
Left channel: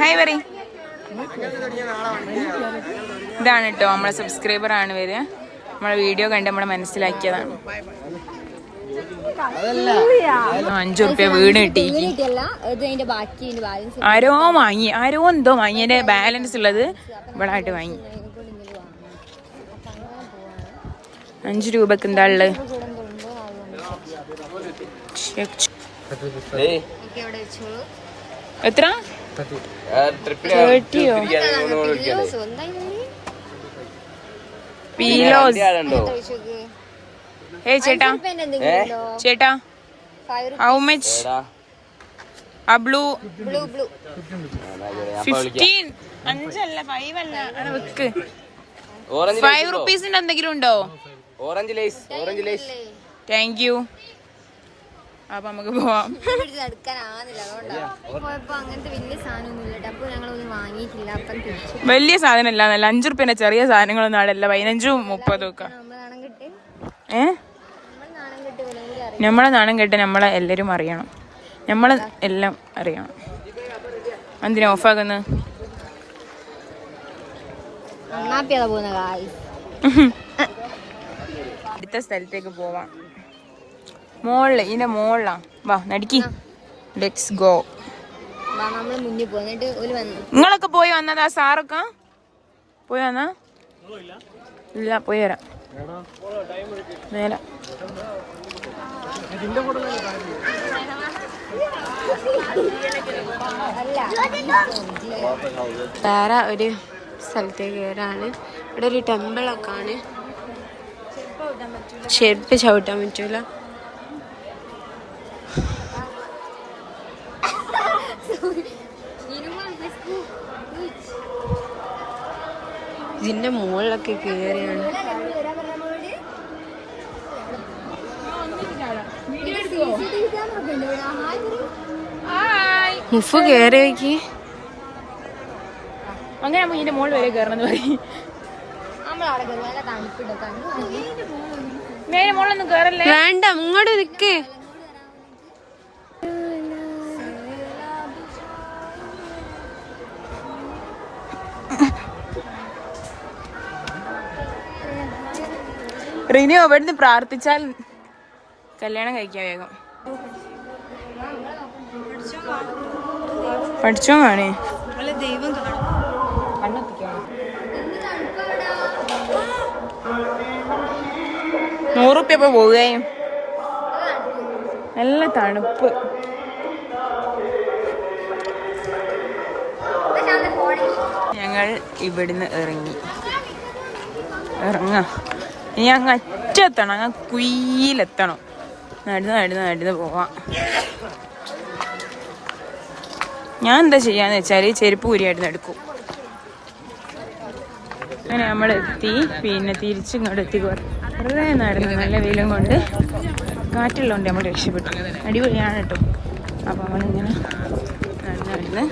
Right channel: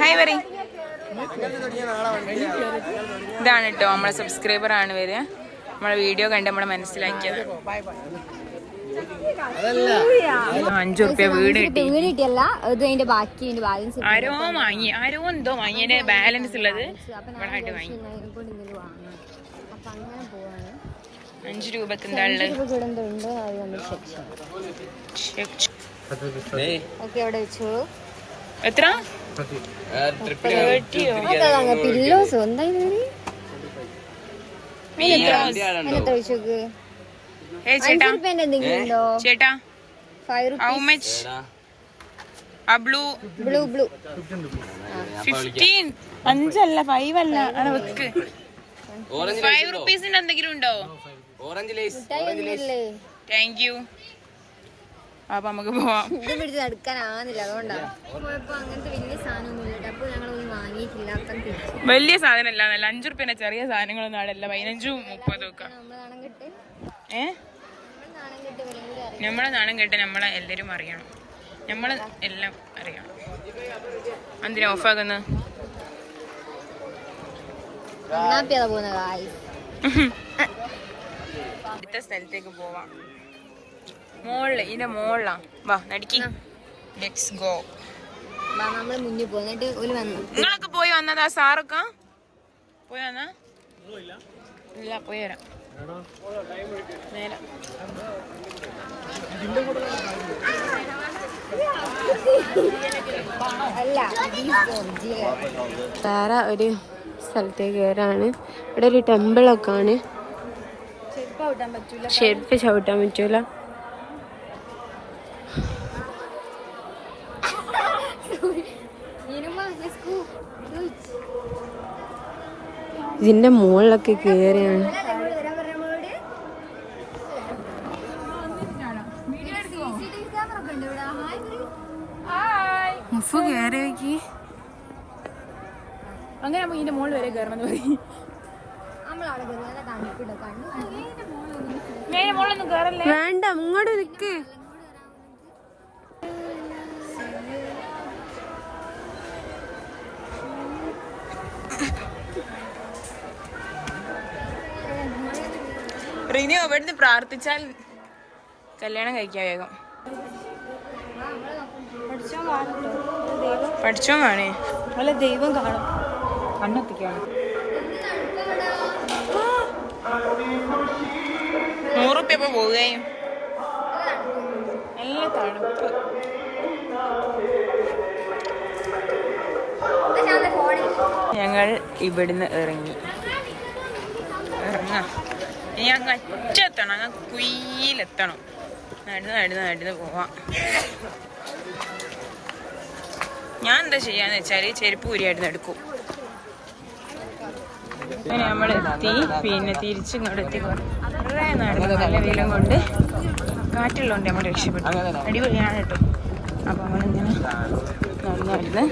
ഹായ് പറ. ഇതാണ് കേട്ടോ നമ്മളെ സബ്സ്ക്രൈബർ ആണ് വരിക. നമ്മളെ വീഡിയോ കണ്ട് നമ്മളെ മനസ്സിലാക്കിയതാണ്. $5 വീണ് കിട്ടി. ആരോ വാങ്ങി, ആരോ എന്തോ വാങ്ങി. അതിന്റെ ബാലൻസ് ഉള്ളത് ഇവിടെ ആയിട്ട് വാങ്ങി. $5 എന്താ ഉള്ളത്? എത്ര? 30യോ? ചേട്ടാ ചേട്ടാ ഹൗ മച്ച്? ആ ബ്ലൂ 15. 5 അല്ല 5 അല്ല ആണ് വെക്ക്. $5 എന്തെങ്കിലും ഉണ്ടോ? Thank you. അപ്പൊ നമുക്ക് പോവാം. വലിയ സാധനം അല്ല, നല്ല $5 ചെറിയ സാധനങ്ങളൊന്നും അവിടെ അല്ല. 15, 30 ഒക്കെ. നമ്മളെ നാണം കേട്ട് നമ്മളെ എല്ലാരും അറിയണം. നമ്മളെ എല്ലാം അറിയണം. എന്തിനാ ഓഫാക്കുന്നത്? അടുത്ത സ്ഥലത്തേക്ക് പോവാം. മോളില്, ഇതിന്റെ മോളിലാ. വാ നടിക്ക്. Let's go. നിങ്ങളൊക്കെ പോയി വന്നതാ? സാറൊക്കെ പോയി വന്നാ? ഇല്ല, പോയി വരാം. വേറെ ഒരു സ്ഥലത്തേക്ക് കയറാണ്. ഇവിടെ ഒരു ടെമ്പിളൊക്കെ ആണ്. ചെരുപ്പ് ചവിട്ടാൻ പറ്റൂല. ഇതിന്റെ മുകളിലൊക്കെ കേറിയാണ്. മുഫ് കേറി നോക്കി. അങ്ങനെ ഇതിന്റെ മുകളിൽ വരെ കയറണമെന്ന് പറയും. മുകളിലൊന്നും കയറല്ലേ. വേണ്ട, ഇങ്ങോട്ട് നിക്ക്. റിനി അവിടുന്ന് പ്രാർത്ഥിച്ചാൽ കല്യാണം കഴിക്കാൻ വേഗം. പഠിച്ചോ കാണേ. ദൈവം കണ്ണെത്തിക്കാണ്. 100 റുപ്യ ഇപ്പൊ പോവുകയും നല്ല തണുപ്പ്. ഞങ്ങൾ ഇവിടുന്ന് ഇറങ്ങാം. ഇനി അങ്ങ് അറ്റെത്തണം, അങ്ങ് കുയിലെത്തണം. നടന്ന് പോവാം. ഞാൻ എന്താ ചെയ്യാന്ന് വെച്ചാല് ചെരുപ്പ് ഊരിയായിട്ട് എടുക്കും. അങ്ങനെ നമ്മളെത്തി. പിന്നെ തിരിച്ചിങ്ങോട്ട് എത്തിക്കോട്ടെ. വളരെ നടന്നു. നല്ല വെയിലും കൊണ്ട് കാറ്റുള്ളതുകൊണ്ട് നമ്മൾ രക്ഷപ്പെട്ടു. അടിപൊളിയാണ് കേട്ടോ. അപ്പോൾ നമ്മളിങ്ങനെ നടന്ന്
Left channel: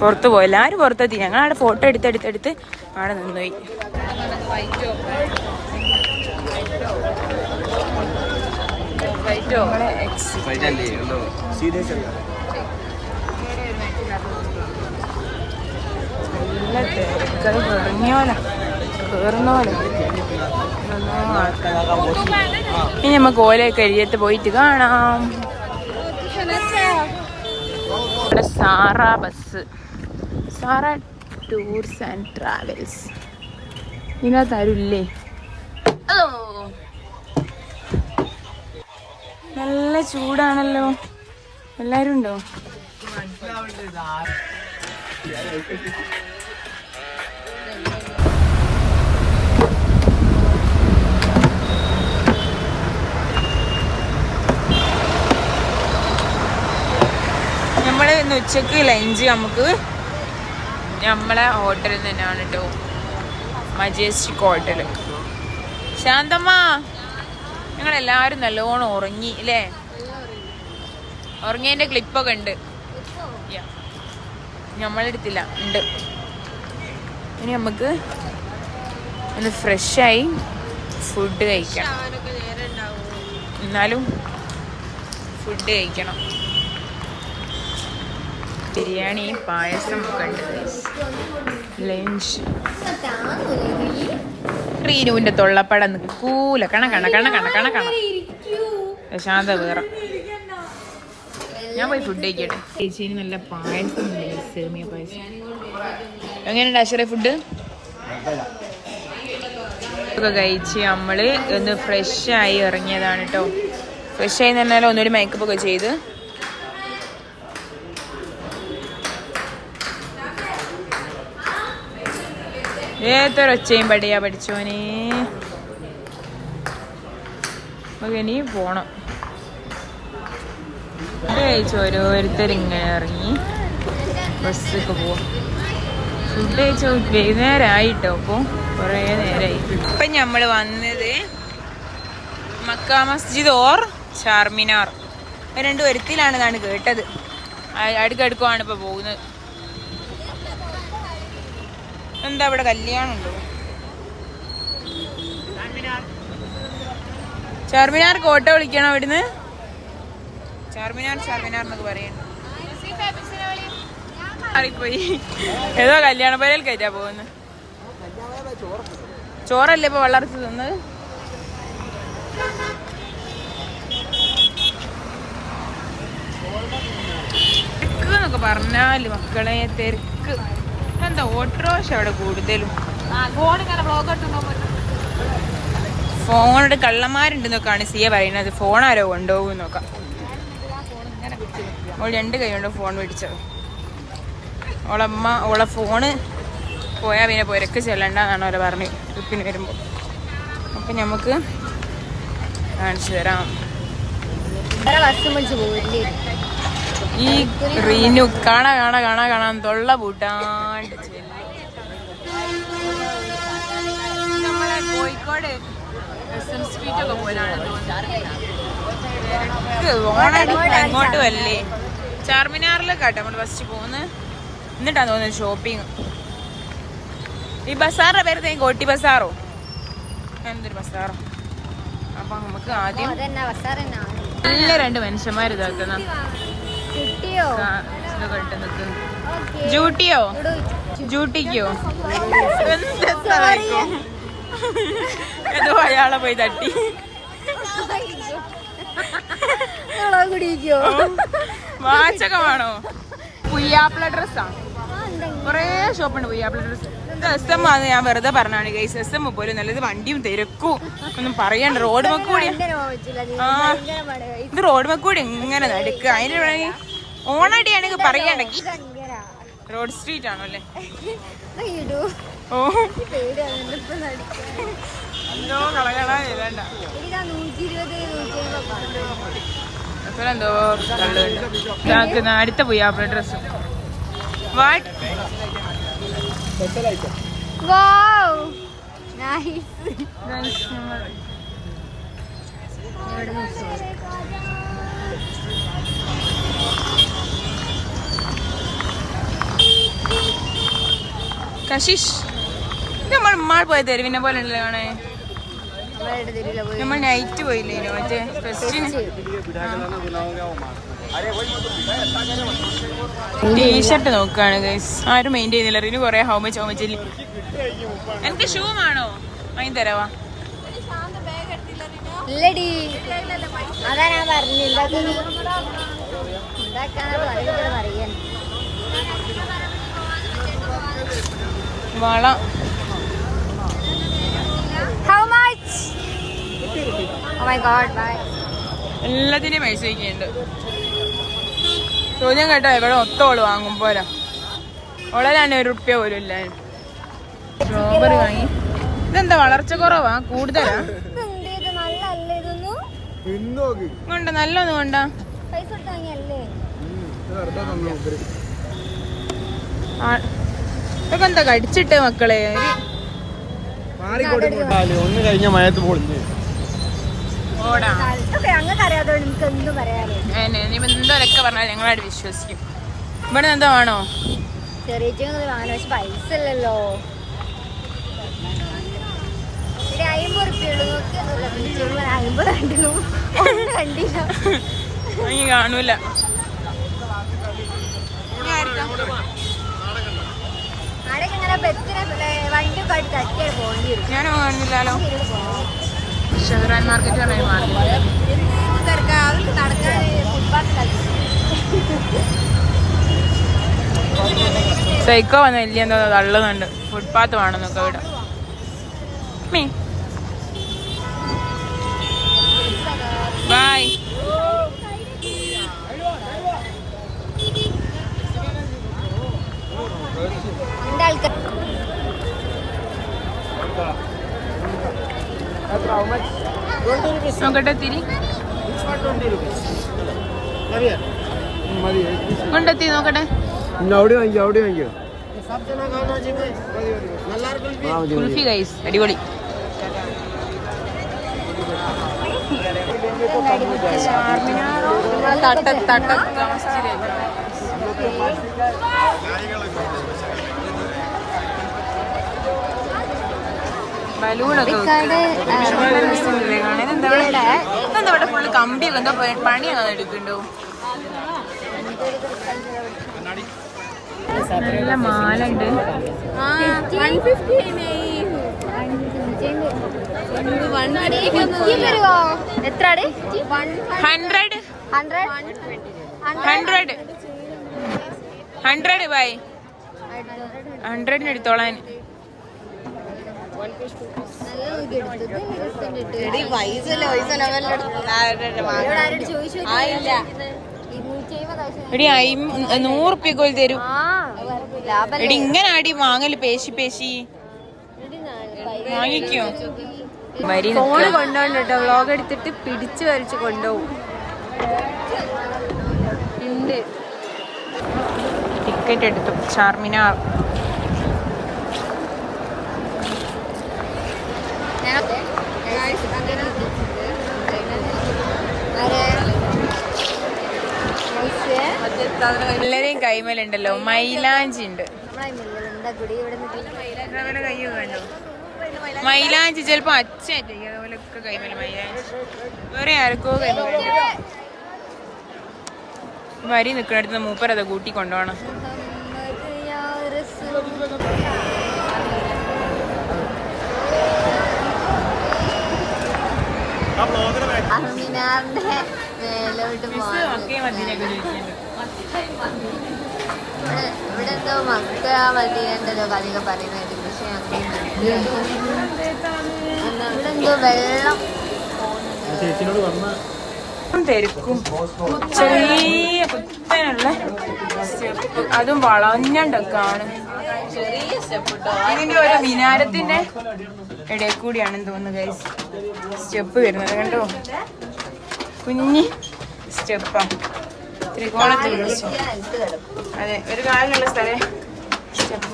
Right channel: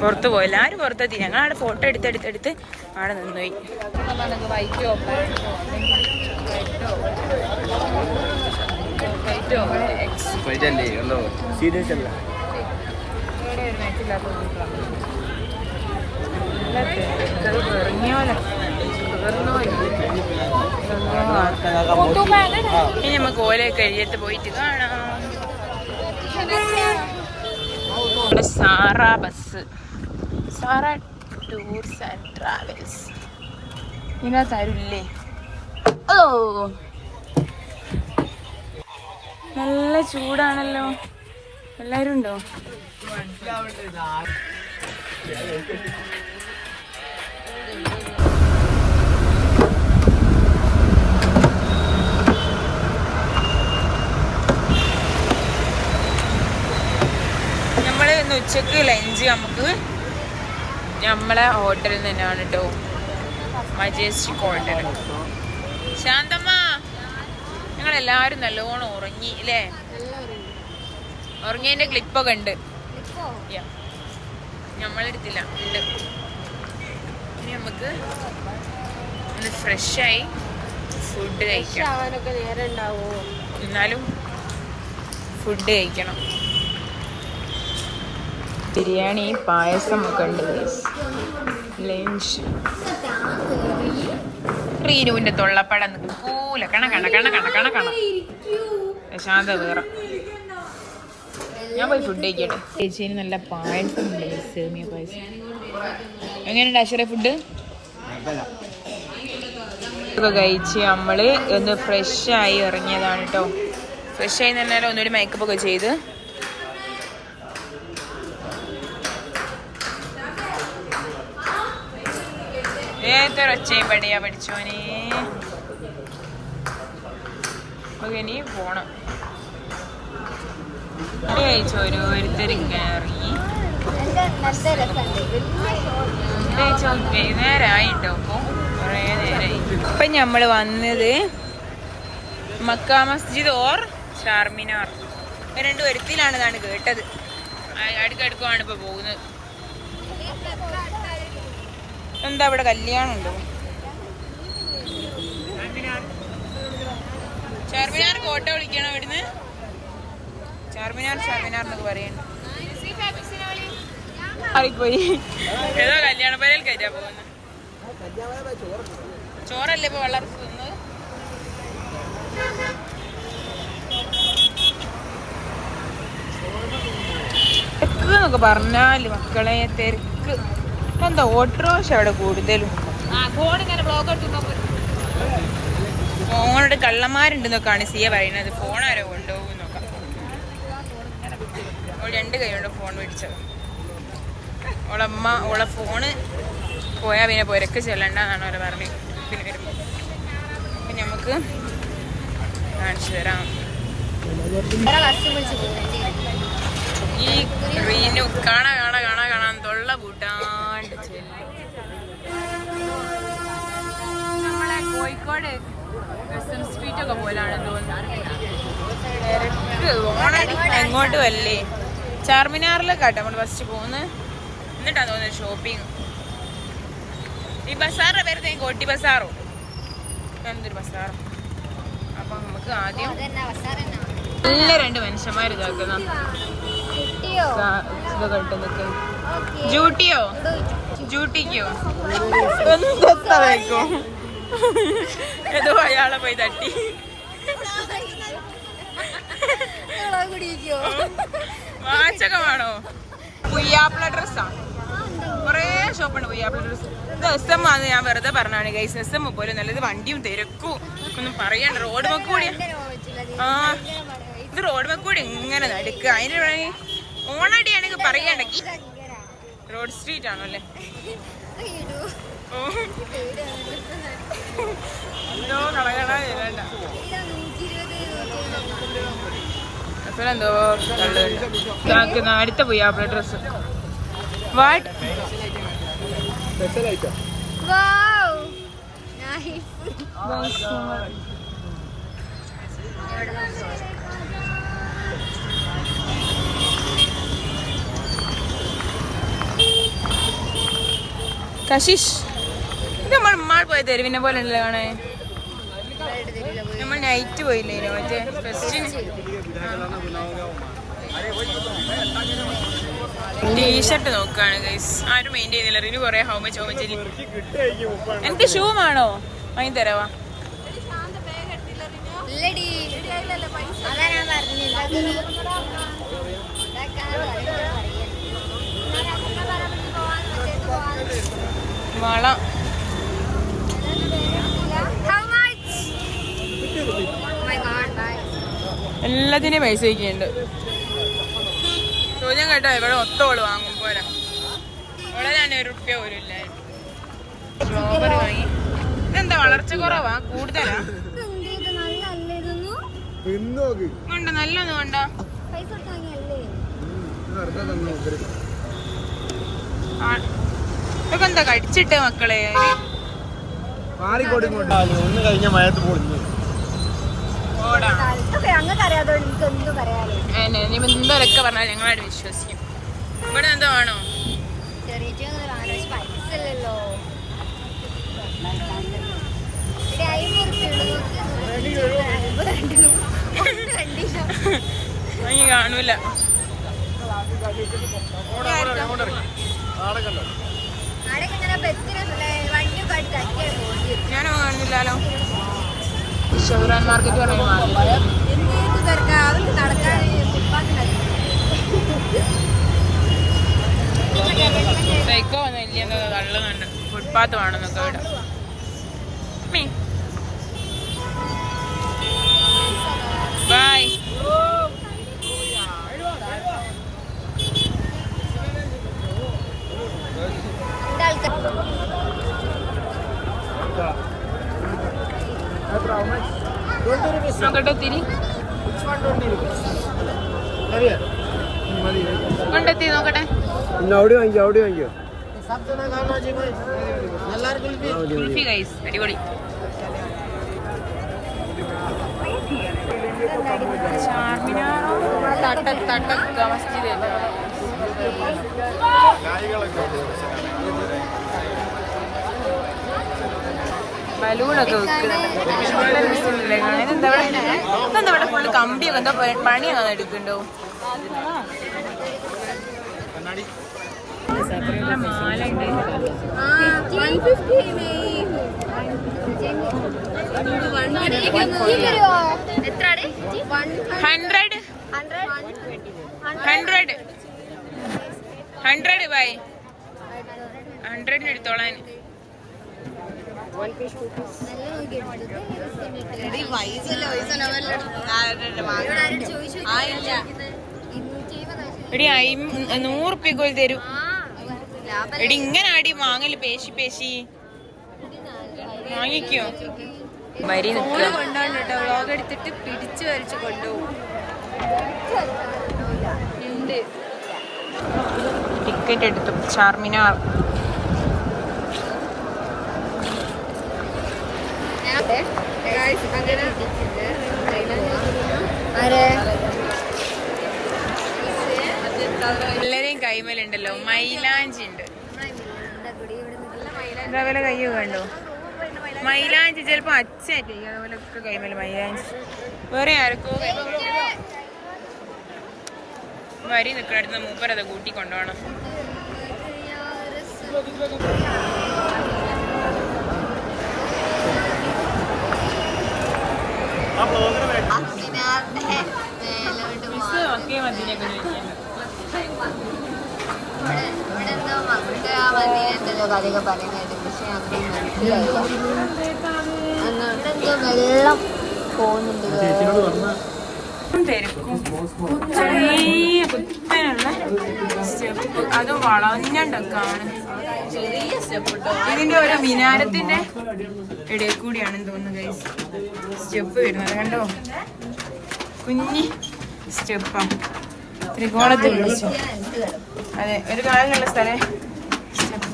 പുറത്ത് പോയി. എല്ലാവരും പുറത്തെത്തി. ഞങ്ങളവിടെ ഫോട്ടോ എടുത്ത് അവിടെ നിന്നുപോയി. നമ്മളെ നല്ല തിരക്കത് കേറുന്നോലെ ഇനി നമുക്ക് ഓലയൊക്കെ എഴുതിയിട്ട് പോയിട്ട് കാണാം. ഇവിടെ Sara bus, Sara tours and travels. ഇതിനകത്ത് ആരുമില്ലേ? ഓ നല്ല ചൂടാണല്ലോ. എല്ലാരും ഉണ്ടോ? നമ്മള് ഇന്ന് ഉച്ചക്ക് ലഞ്ച് നമുക്ക് നമ്മളെ ഹോട്ടലിൽ തന്നെയാണ് കേട്ടോ. Majestic hotel. ശാന്തമ്മ, ഞങ്ങളെല്ലാരും നല്ലോണം ഉറങ്ങി അല്ലേ? ഉറങ്ങിയതിന്റെ ക്ലിപ്പൊക്കെ ഉണ്ട്. നമ്മളെടുത്തില്ല, ഉണ്ട്. ഇനി നമുക്ക് ഒന്ന് ഫ്രഷായി ഫുഡ് കഴിക്കണം. എന്നാലും ഫുഡ് കഴിക്കണം. ബിരിയാണി, പായസം ഒക്കെ ഉണ്ട്. ലഞ്ച്. റീനുവിന്റെ തൊള്ളപ്പടം പൂല കണ ശാന്ത വേറെ. ഞാൻ പോയി ഫുഡ് കഴിക്കട്ടെ. ചേച്ചിന് നല്ല പായസം ഉണ്ട്, സേമിയ പായസം. എങ്ങനെയുണ്ട് അശ്വര ഫുഡ്? ഒക്കെ കഴിച്ച് നമ്മള് ഒന്ന് ഫ്രഷായി ഇറങ്ങിയതാണ് കേട്ടോ. ഫ്രഷായി എന്ന് പറഞ്ഞാൽ ഒന്നുകൂടി മേക്കപ്പ് ഒക്കെ ചെയ്ത് ഏതൊരൊച്ചയും പടിയാ പഠിച്ചോനെ. നമുക്ക് ഇനി പോണം. കഴിച്ചു ഓരോരുത്തരിങ്ങനെ ഇറങ്ങി ബസ്സിൽ പോകും. ഫുഡ് കഴിച്ചോ വൈകുന്നേരമായിട്ടോ. അപ്പം കുറേ നേരമായി. ഇപ്പം നമ്മൾ വന്നത് മക്ക മസ്ജിദ് ഓർ ചാർമിനാർ, രണ്ടു വരുത്തിലാണെന്നാണ് കേട്ടത്. അടുക്കടുക്കുമാണ് ഇപ്പൊ പോകുന്നത്. എന്താ ഇവിടെ കല്യാണം ഉണ്ടോ? ചാർമിനാർ കോട്ട വിളിക്കണോ ഇവിടുന്ന്? ചാർമിനാർ എന്നൊക്കെ പറയുന്നുണ്ട്. ആയിപ്പോയി. ഏതോ കല്യാണ പേരൽ കയറ്റാ പോകുന്നത്. ചോറല്ലേ ഇപ്പൊ വളർത്തി തിന്നത്? തിരക്ക് എന്നൊക്കെ പറഞ്ഞാല് മക്കളെ തിരക്ക്. എന്താ ഓട്ടോറിക്ഷ അവിടെ കൂടുതലും. ഫോണിട്ട് കള്ളന്മാരുണ്ടെന്നൊക്കെയാണ് സിയ പറയുന്നത്. ഫോൺ ആരോ കൊണ്ടുപോകും നോക്കാം. ഓൾ 2 കൈ കൊണ്ട് ഫോൺ മേടിച്ചത്. ഓളെ ഫോണ് പോയാൽ പിന്നെ പുരക്ക് ചെല്ലണ്ടെന്നാണ് ഓളെ പറഞ്ഞത് ട്രിപ്പിന് വരുമ്പോൾ. അപ്പം നമുക്ക് കാണിച്ചു തരാം. ഈ റീനു കാണാൻ തൊള്ള പൂട്ടാണ്ട് ചെല്ലും. നമ്മളെ കോഴിക്കോട് സ്ട്രീറ്റ് ഒക്കെ പോലാണ് തോന്നുന്നത്. തിരക്ക് ഓണം അങ്ങോട്ട് വല്ലേ. ചാർമിനാറിലേക്കാട്ടെ നമ്മൾ ഫസ്റ്റ് പോകുന്നത്. എന്നിട്ടാണ് തോന്നുന്നത് ഷോപ്പിങ്. ഈ ബസാറിന്റെ പേര് കോട്ടി ബസാറോ എന്തൊരു ബസാറോ. അപ്പൊ നമുക്ക് ആദ്യം നല്ല 2 മനുഷ്യന്മാർ ഇതാക്കുന്ന ഇതൊക്കെ ഇട്ട് നിൽക്കുന്നു. ജൂട്ടിക്കോ എന്താ കഴിക്കോ? ഏതോ അയാളെ പോയി തട്ടി. വാച്ചൊക്കെ വേണോ? പുയ്യാപ്പിള ഡ്രസ്സാ. കൊറേ ഷോപ്പുണ്ട് പുയ്യാപ്പിള ഡ്രസ്സ്. ഇത് SM ആണെന്ന് ഞാൻ വെറുതെ പറഞ്ഞാണ് ഗൈസ്. SM പോലെ നല്ലത്. വണ്ടിയും തിരക്കും ഒന്നും പറയണ്ട. റോഡ് മക്കൂടി ഇത് റോഡ് മക്കൂടി ഇങ്ങനെ നടക്കുക. അതിന് ഓണടിയാണെങ്കിൽ പറയണ്ടെങ്കിൽ റോഡ് സ്ട്രീറ്റ് ആണല്ലേ. ഓ എന്തോ കളകളാ ചെയ്തണ്ട. എന്തോ തള്ളുണ്ട്. അടുത്ത പുയ്യാപ്പിള ഡ്രസ്സ്. വാട്ട് കശിഷ്, ഇത് നമ്മൾ പോയ തെരുവിനെ പോലെ ഉണ്ടല്ലോ കാണേ. നമ്മൾ നൈറ്റ് പോയില്ലേ മറ്റേ ഫെസ്റ്റിന്. ടീഷർട്ട് നോക്കുകയാണ് ഗൈസ്. ആരും മെയിൻ ചെയ്യുന്നില്ല. റിനു കൊറേ ഹൗ മച്ച് എനിക്ക് ഷൂ ആണോ വാങ്ങി തരാവാ? വള എല്ലാത്തിനെയും പൈസ വയ്ക്കുന്നുണ്ട്. ചോദ്യം കേട്ടോ ഇവിടെ ഒത്തോള് വാങ്ങുമ്പോല ഉള്ളതാണ് 1 റുപ്യ പോലും ഇല്ല. ഇതെന്താ വളർച്ച കുറവാ കൂടുതലാ? കൊണ്ട നല്ലൊന്നും കൊണ്ട. ഇതൊക്കെ എന്താ കടിച്ചിട്ട് മക്കളെ? ഓടാ എന്തോരൊക്കെ പറഞ്ഞാൽ ഞങ്ങളായിട്ട് വിശ്വസിക്കും. ഇവിടെ എന്താ വേണോ? കാണൂല. ഞാനോ കാണുന്നില്ലല്ലോ. ഷഹറാൻ മാർക്കറ്റ് പറഞ്ഞ മാർക്കറ്റ്. സൈക്കോ വന്ന വലിയ എന്തോ തള്ളുന്നുണ്ട്. ഫുട്പാത്ത് വേണമെന്നൊക്കെ ഇവിടെ. ബൈ. നോക്കട്ടെ തിരി കൊണ്ടെത്തി നോക്കട്ടെ. കുൽഫി ഗൈസ് അടിപൊളി. ചാർമിനാറോ തട്ട മസ്ജിദ് ബലൂണൊക്കെ വെക്കുന്നുണ്ട്. കാണാൻ എന്താ ഇവിടെ ഫുള്ള് കമ്പിയൊക്കെ എന്താ പണിയാണ് എടുക്കണ്ടോ? നല്ല മാലുണ്ട്. 100 ബൈ 100 എടുത്തോളാൻ. എടി 100 റുപ്യക്ക് തരൂ. എടി ഇങ്ങനെ അടി വാങ്ങല് പേശി വാങ്ങിക്കോ. വരി നിൽക്കുക. കൊണ്ടുപോകും കേട്ടോ, വ്ലോഗ് എടുത്തിട്ട് പിടിച്ചു വലിച്ച് കൊണ്ടുപോകും. ടിക്കറ്റ് എടുത്തു ചാർമിനാർ. എല്ലാരെയും കൈമലുണ്ടല്ലോ മൈലാഞ്ചി ഉണ്ട്. അതേപോലെ കയ്യോ കണ്ടോ മൈലാഞ്ചി. ചിലപ്പോ അച്ഛായിട്ട് അതുപോലൊക്കെ കൈമല മൈലാഞ്ചി. വേറെ ആർക്കോ വരി നിൽക്കണടുത്ത് മൂപ്പരത് കൂട്ടി കൊണ്ടുപോകണം. ഇവിടെ എന്തോ മക്ക മദീനന്തോ കഥയൊക്കെ പറയുന്നത്. പക്ഷെ എന്തോ വെള്ളം പോകുന്നുണ്ട്. തിരക്കും ചെറിയ കുത്തനുള്ള സ്റ്റെപ്പ്, അതും വളഞ്ഞണ്ടൊക്കെ ആണ്. ഇതിന്റെ ഒരു മിനാരത്തിന്റെ ഇടയിൽ കൂടിയാണെന്ന് തോന്നുന്നു ഗൈസ് സ്റ്റെപ്പ് വരുന്നത്. കണ്ടോ കുഞ്ഞി സ്റ്റെപ്പാ, ത്രികോണത്തിലുള്ള സ്റ്റെപ്പ്. അതെ, ഒരു കാലിനുള്ള സ്ഥലം സ്റ്റെപ്പ്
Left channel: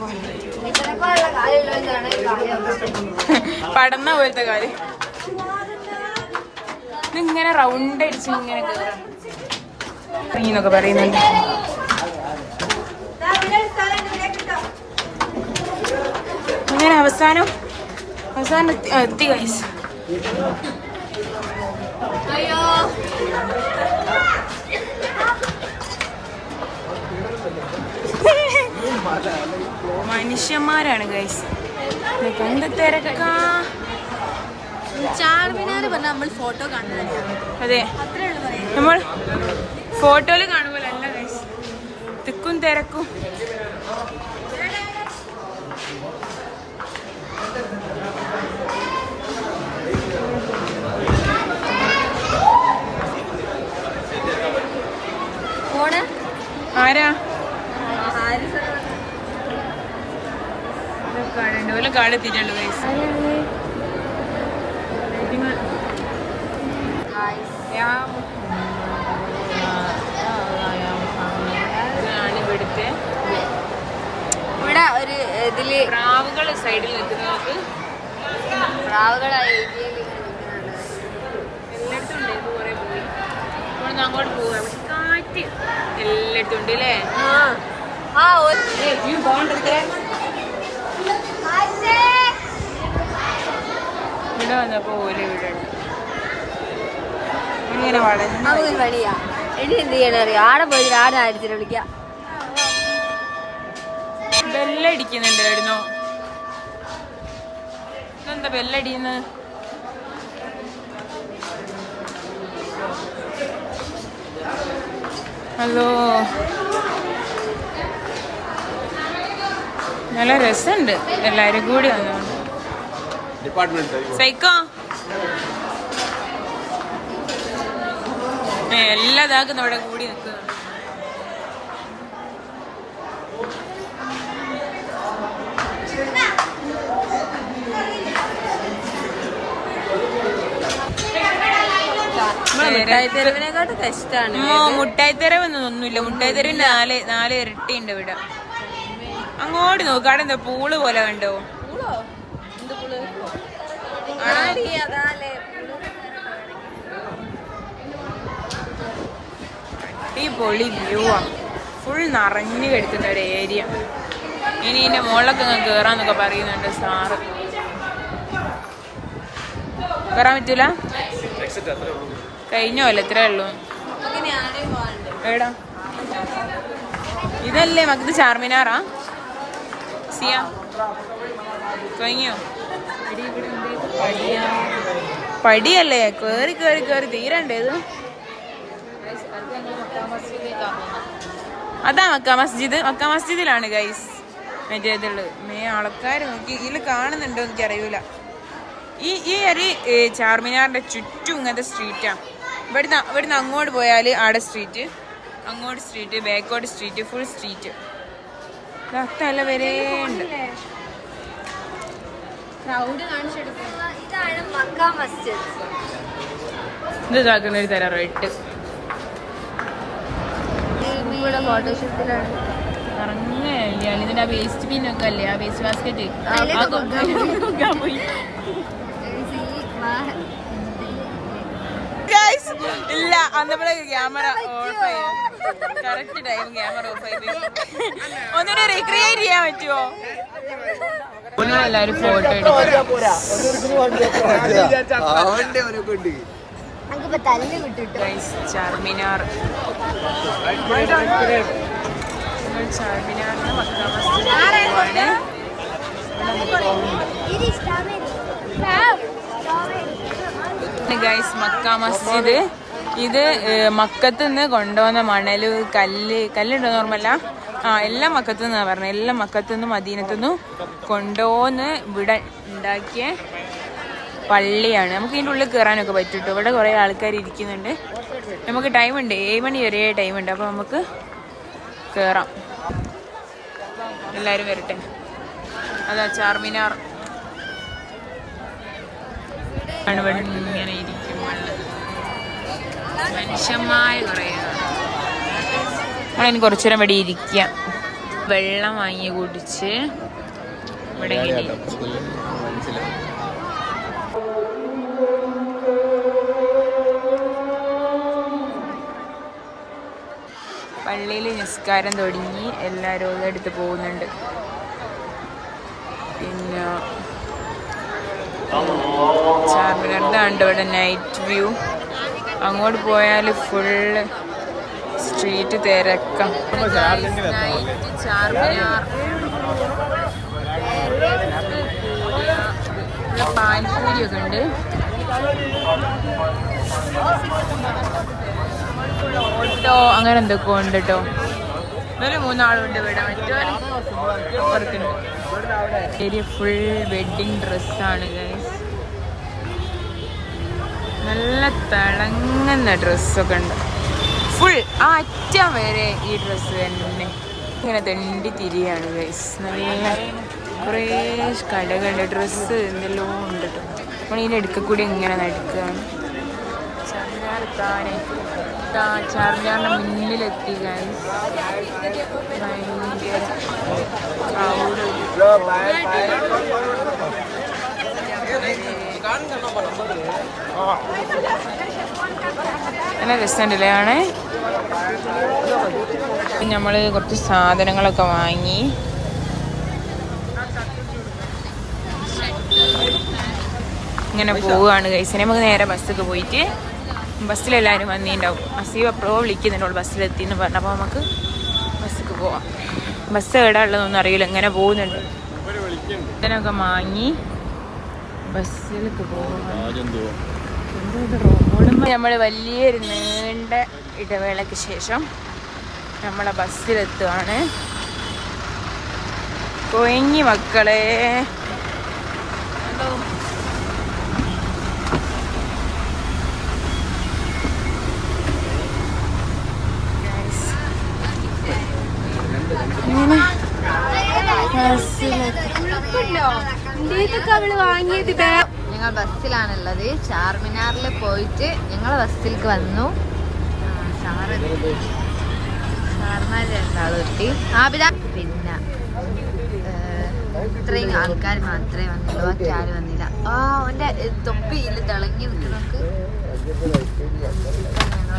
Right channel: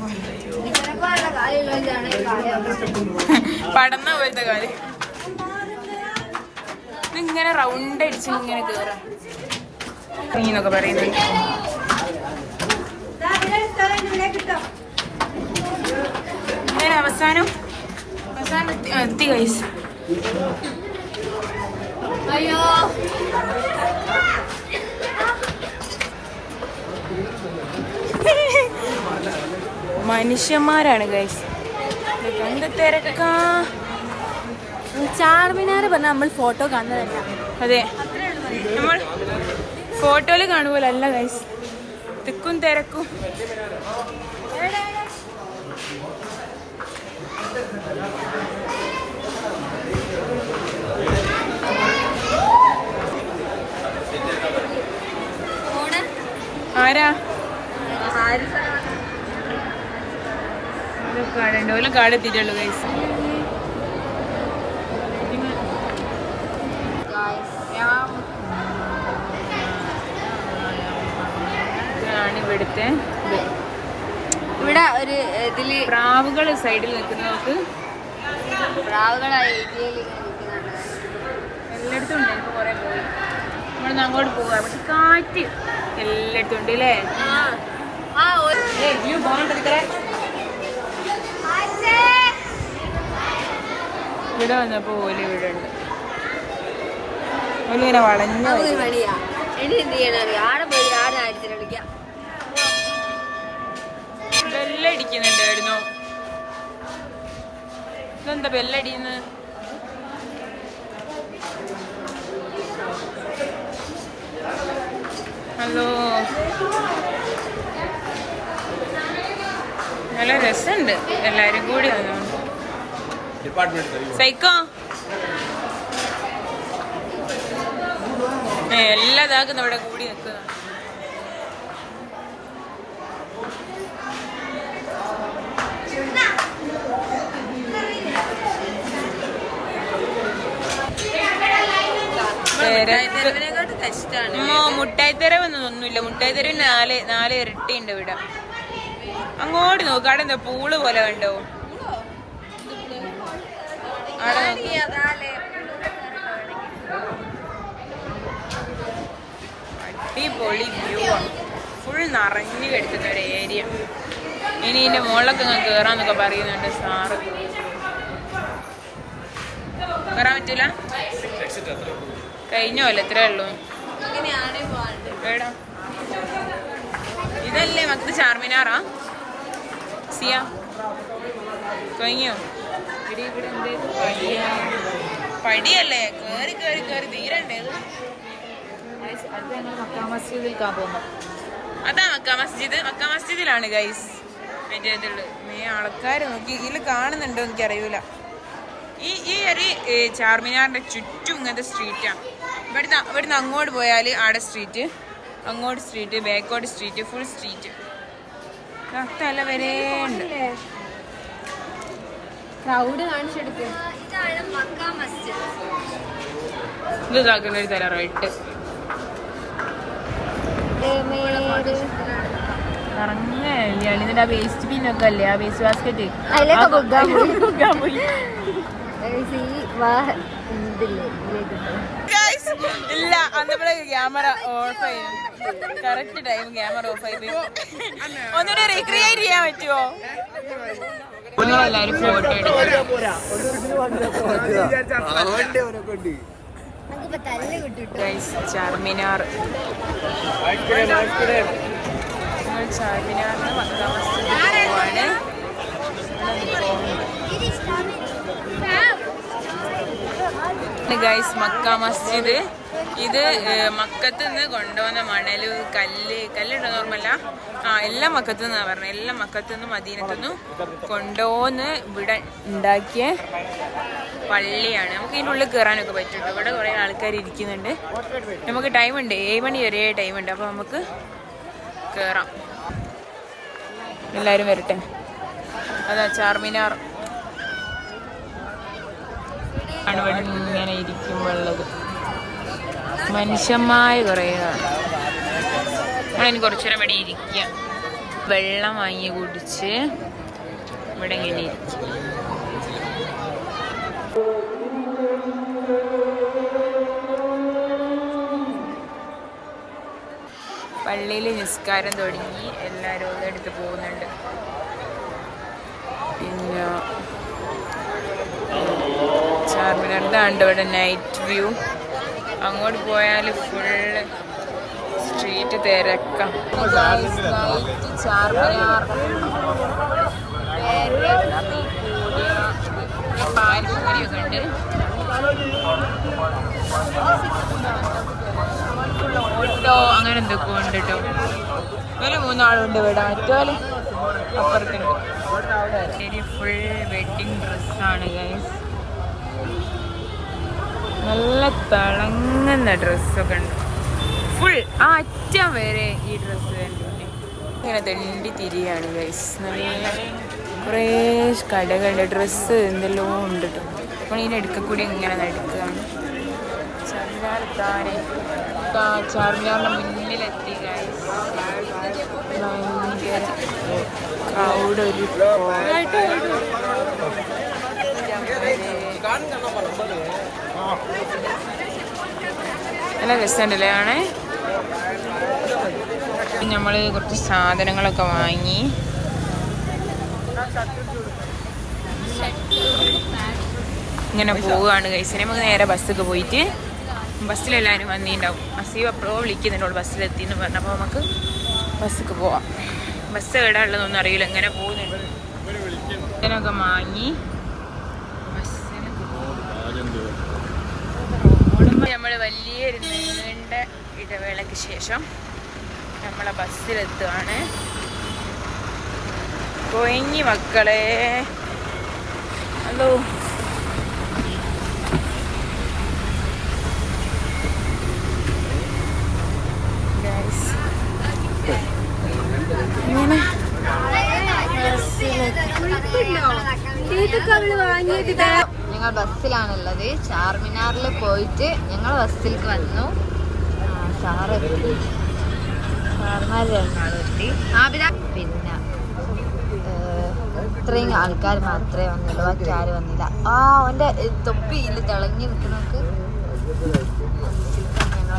പടന്ന പോലത്തെ കാല്. ഇങ്ങനെ റൗണ്ട് അടിച്ച് ഇങ്ങനെ കേറാം എന്നൊക്കെ പറയുന്നുണ്ട്. അങ്ങനെ അവസാനം എത്തി ഗൈസ്. മനുഷ്യന്മാരാണ് ഗൈസ്, കണ്ട് തിരക്കാ. ചാർമിനാർ പറഞ്ഞാൽ നമ്മൾ ഫോട്ടോ കാണുന്നത്. അതെ, നമ്മൾ ഫോട്ടോയില് കാണുമ്പോലല്ല ഗൈസ്, തിക്കും തിരക്കും. ആരാ കാടുണ്ട്, ഓല കാട് എത്തിയിട്ടുള്ളൂ ഗൈസ്. ഇവിടെ ഒരു ഇതില് പ്രാവുകൾ സൈഡിൽ നിൽക്കുന്നത്, പ്രാവുകളായി എല്ലായിടത്തും ഉണ്ട്. കുറെ പോയി നമ്മൾ അങ്ങോട്ട് പോവാ. കാറ്റ് എല്ലായിടത്തും ഉണ്ട് അല്ലേ? ഇവിടെ വന്നപ്പോ ഓല് ഇവിടെ ഉണ്ട്. ഓലിങ്ങനെ വളഞ്ഞ വഴിയാ. ഇനി എന്ത് ചെയ്യാനറിയാം, ആടെ പോയി ആടെ അടിച്ചിട്ട് വിളിക്കാം. ബെല്ലടിക്കുന്നുണ്ടായിരുന്നു. ഇതെന്താ ബെല്ലടിക്കുന്നത്? ഹലോ, നല്ല രസമുണ്ട് എല്ലാരും കൂടി വന്നോണ്ട്. സൈക്കോ എല്ലാ ഇതാക്കുന്ന ഇവിടെ കൂടി നിൽക്കുന്ന. മുട്ടായി തെരവൊന്നുമില്ല. മുട്ടായി തെരവിന് നാല് ഇരട്ടി ഉണ്ട് ഇവിടെ. അങ്ങോട്ട് നോക്ക്, അവിടെ എന്താ പൂള് പോലെ കണ്ടോ? അവിടെ അടിപൊളി വ്യൂ ആ, ഫുൾ നിറഞ്ഞു കിടക്കുന്ന ഒരു ഏരിയ. ഇനി ഇതിന്റെ മുകളിലൊക്കെ അങ്ങ് കേറാന്നൊക്കെ പറയുന്നുണ്ട് സാറ്. കേറാൻ പറ്റൂല, കഴിഞ്ഞോ അല്ല, ഇത്രേ ഉള്ളൂ. എടാ ഇതല്ലേ മക്കത് ചാർമിനാറാ? സിയ കഴിഞ്ഞോ? പടിയല്ലേ, കേറി കേറി കേറി തീരണ്ടേ ഇത്? അതാ മക്ക മസ്ജിദ്. മക്ക മസ്ജിദിലാണ് ഗൈസ് മറ്റേതുള്ളത്. ആൾക്കാർ നോക്കി ഇതിൽ കാണുന്നുണ്ടോ എനിക്ക് അറിയൂല. ഈ ഒരു ചാർമിനാറിന്റെ ചുറ്റും ഇങ്ങനത്തെ സ്ട്രീറ്റാ. ഇവിടുന്ന് അങ്ങോട്ട് പോയാൽ ആടെ സ്ട്രീറ്റ്, അങ്ങോട്ട് സ്ട്രീറ്റ്, ബാക്കോട്ട് സ്ട്രീറ്റ്, ഫുൾ സ്ട്രീറ്റ്. തല വരെ ഉണ്ട്. ക്രൗഡ് കാണിച്ചെടുക്കും. ഇത് കാക്കുന്ന ഒരു തരം റെഡ് ഇതിന്റെ വേസ്റ്റ് ബിൻ ഒക്കെ അല്ലേ ആ വേസ്റ്റ് ബാസ്കറ്റ് ഇല്ല അന്നപ്പോഴേ ക്യാമറ ഓഫ് ആയി കറക്റ്റ് ടൈം ക്യാമറ ഓഫ് ആയി ഒന്നിനെ റീക്രിയേറ്റ് ചെയ്യാൻ പറ്റുമോ? എല്ലാരും ഫോട്ടോ എടുക്കും. ചാർമിനാർ ചാർമിനാറിന് മക്കാ മസ്ജിദ് പോവാണ്. ഇവിടെ നിൽക്കുന്നുണ്ട് ഗൈസ് മക്കാ മസ്ജിദ്. ഇത് മക്കത്ത് നിന്ന് കൊണ്ടുവന്ന മണല് കല്ലുണ്ടോ നോർമല്ല എല്ലാം മക്കത്ത് നിന്നാണ് പറഞ്ഞത്. എല്ലാം മക്കത്ത് നിന്നും മദീനത്തു നിന്നും കൊണ്ടുപോന്ന് ഇവിടെ ഉണ്ടാക്കിയ പള്ളിയാണ്. നമുക്ക് ഇതിൻ്റെ ഉള്ളിൽ കയറാനൊക്കെ പറ്റും. ഇവിടെ കുറേ ആൾക്കാർ ഇരിക്കുന്നുണ്ട്. നമുക്ക് ടൈമുണ്ട്, 7 മണി വരെ ടൈമുണ്ട്. അപ്പോൾ നമുക്ക് കയറാം. എല്ലാവരും വരട്ടെ. അതാ ചാർമിനാർ ആണ് ഇവിടെ ഇങ്ങനെ ഇരിക്കുമ്പോഴുള്ളത്. മനുഷ്യന്മാർ കുറേ നമ്മളതിന് കുറച്ചു നേരം ഇവിടെ ഇരിക്കുക. വെള്ളം വാങ്ങി കുടിച്ച് ഇവിടെ ഇങ്ങനെ ഇരിക്കും. പള്ളിയിൽ നിസ്കാരം തുടങ്ങി. എല്ലാവരും ഉള്ളെടുത്ത് പോകുന്നുണ്ട്. പിന്നെ ചാർമിനാറിൻ്റെ ഉണ്ട് ഇവിടെ നൈറ്റ് വ്യൂ. അങ്ങോട്ട് പോയാൽ ഫുള്ള് സ്ട്രീറ്റ് തിരക്കാം. നൈറ്റ് ചാർമിനാർ പാനിപ്പൂരിയൊക്കെ ഉണ്ട്. ഓട്ടോ അങ്ങനെ എന്തൊക്കെ ഉണ്ട് കേട്ടോ. ഒരു 3 ആളുണ്ട് ഇവിടെ. മറ്റോലും അപ്പുറത്തുണ്ട്. ഫുൾ വെഡിങ് ഡ്രസ്സാണ് ഗൈസ്. നല്ല തിളങ്ങുന്ന ഡ്രസ്സൊക്കെ ഉണ്ട്. ഫുൾ ആ അറ്റം വരെ ഈ ഡ്രസ്സ് തന്നെ ഇങ്ങനെ തെണ്ടി തിരിയാണ് ഗൈസ്. നല്ല കുറേ കടകളുടെ ഡ്രസ്സ് എന്തെല്ലോ ഉണ്ട് കേട്ടോ. നമ്മൾ ഇതിൻ്റെ അടുക്ക കൂടി ഇങ്ങനെ നടക്കുകയാണ്. ചാർമിനാർ ചാർമിനാറിൻ്റെ മുന്നിലെത്തി ഗൈസ്. ഭയങ്കര ക്രൗഡ്. ഒരു നല്ല രസമുണ്ടല്ലേ ആണ്. നമ്മൾ കുറച്ച് സാധനങ്ങളൊക്കെ വാങ്ങി. ഇങ്ങനെ പോവുകയാണ് ഗൈസ്. നമുക്ക് നേരെ ബസ്സൊക്കെ പോയിട്ട് ബസ്സിലെല്ലാവരും വന്നിട്ടുണ്ടാവും. അസീവ് എപ്പോഴോ വിളിക്കുന്നുണ്ടോ ബസ്സിലെത്തി എന്ന് പറഞ്ഞപ്പോൾ നമുക്ക് ബസ്സിക്ക് പോവാം. ബസ് എവിടെ ഉള്ളതൊന്നും അറിയില്ല. ഇങ്ങനെ പോകുന്നുണ്ട്. ഇതിനൊക്കെ വാങ്ങി ബസ്സിലേക്ക് പോകുമ്പോൾ നമ്മൾ വലിയൊരു നീണ്ട ഇടവേളയ്ക്ക് ശേഷം നമ്മളെ ബസ്സിലെത്തുകയാണ്. കൊയങ്ങി മക്കളെ. ഹലോ ഞങ്ങൾ ബസ്സിലാണുള്ളത്. ചാർമിനാറിൽ പോയിട്ട് ഞങ്ങൾ ബസ്സിലേക്ക് വന്നു. ഷാർമാർ എറണാകുളത്തി. പിന്നെ ഇത്രയും ആൾക്കാർ മാത്രമേ വന്നുള്ളൂ. മറ്റാരും വന്നില്ല. അവൻ്റെ തൊപ്പിയിൽ തിളങ്ങി നിൽക്കുന്നവർക്ക് ഞങ്ങൾ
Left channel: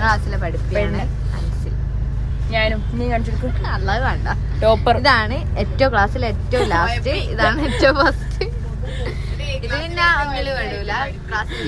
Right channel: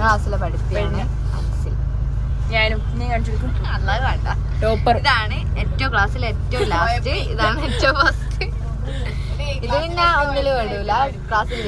ക്ലാസ്സിലെ പഠിപ്പിയാണ് അൻസിൽ. ടോപ്പർ. ഇതാണ് ഏറ്റവും ക്ലാസ്സിലെ ഏറ്റവും ലാസ്റ്റ്. ഇതാണ് ഏറ്റവും ഫസ്റ്റ്. ഇത് പിന്നെ ഒന്നിലും വിടൂല. ക്ലാസ്സിൽ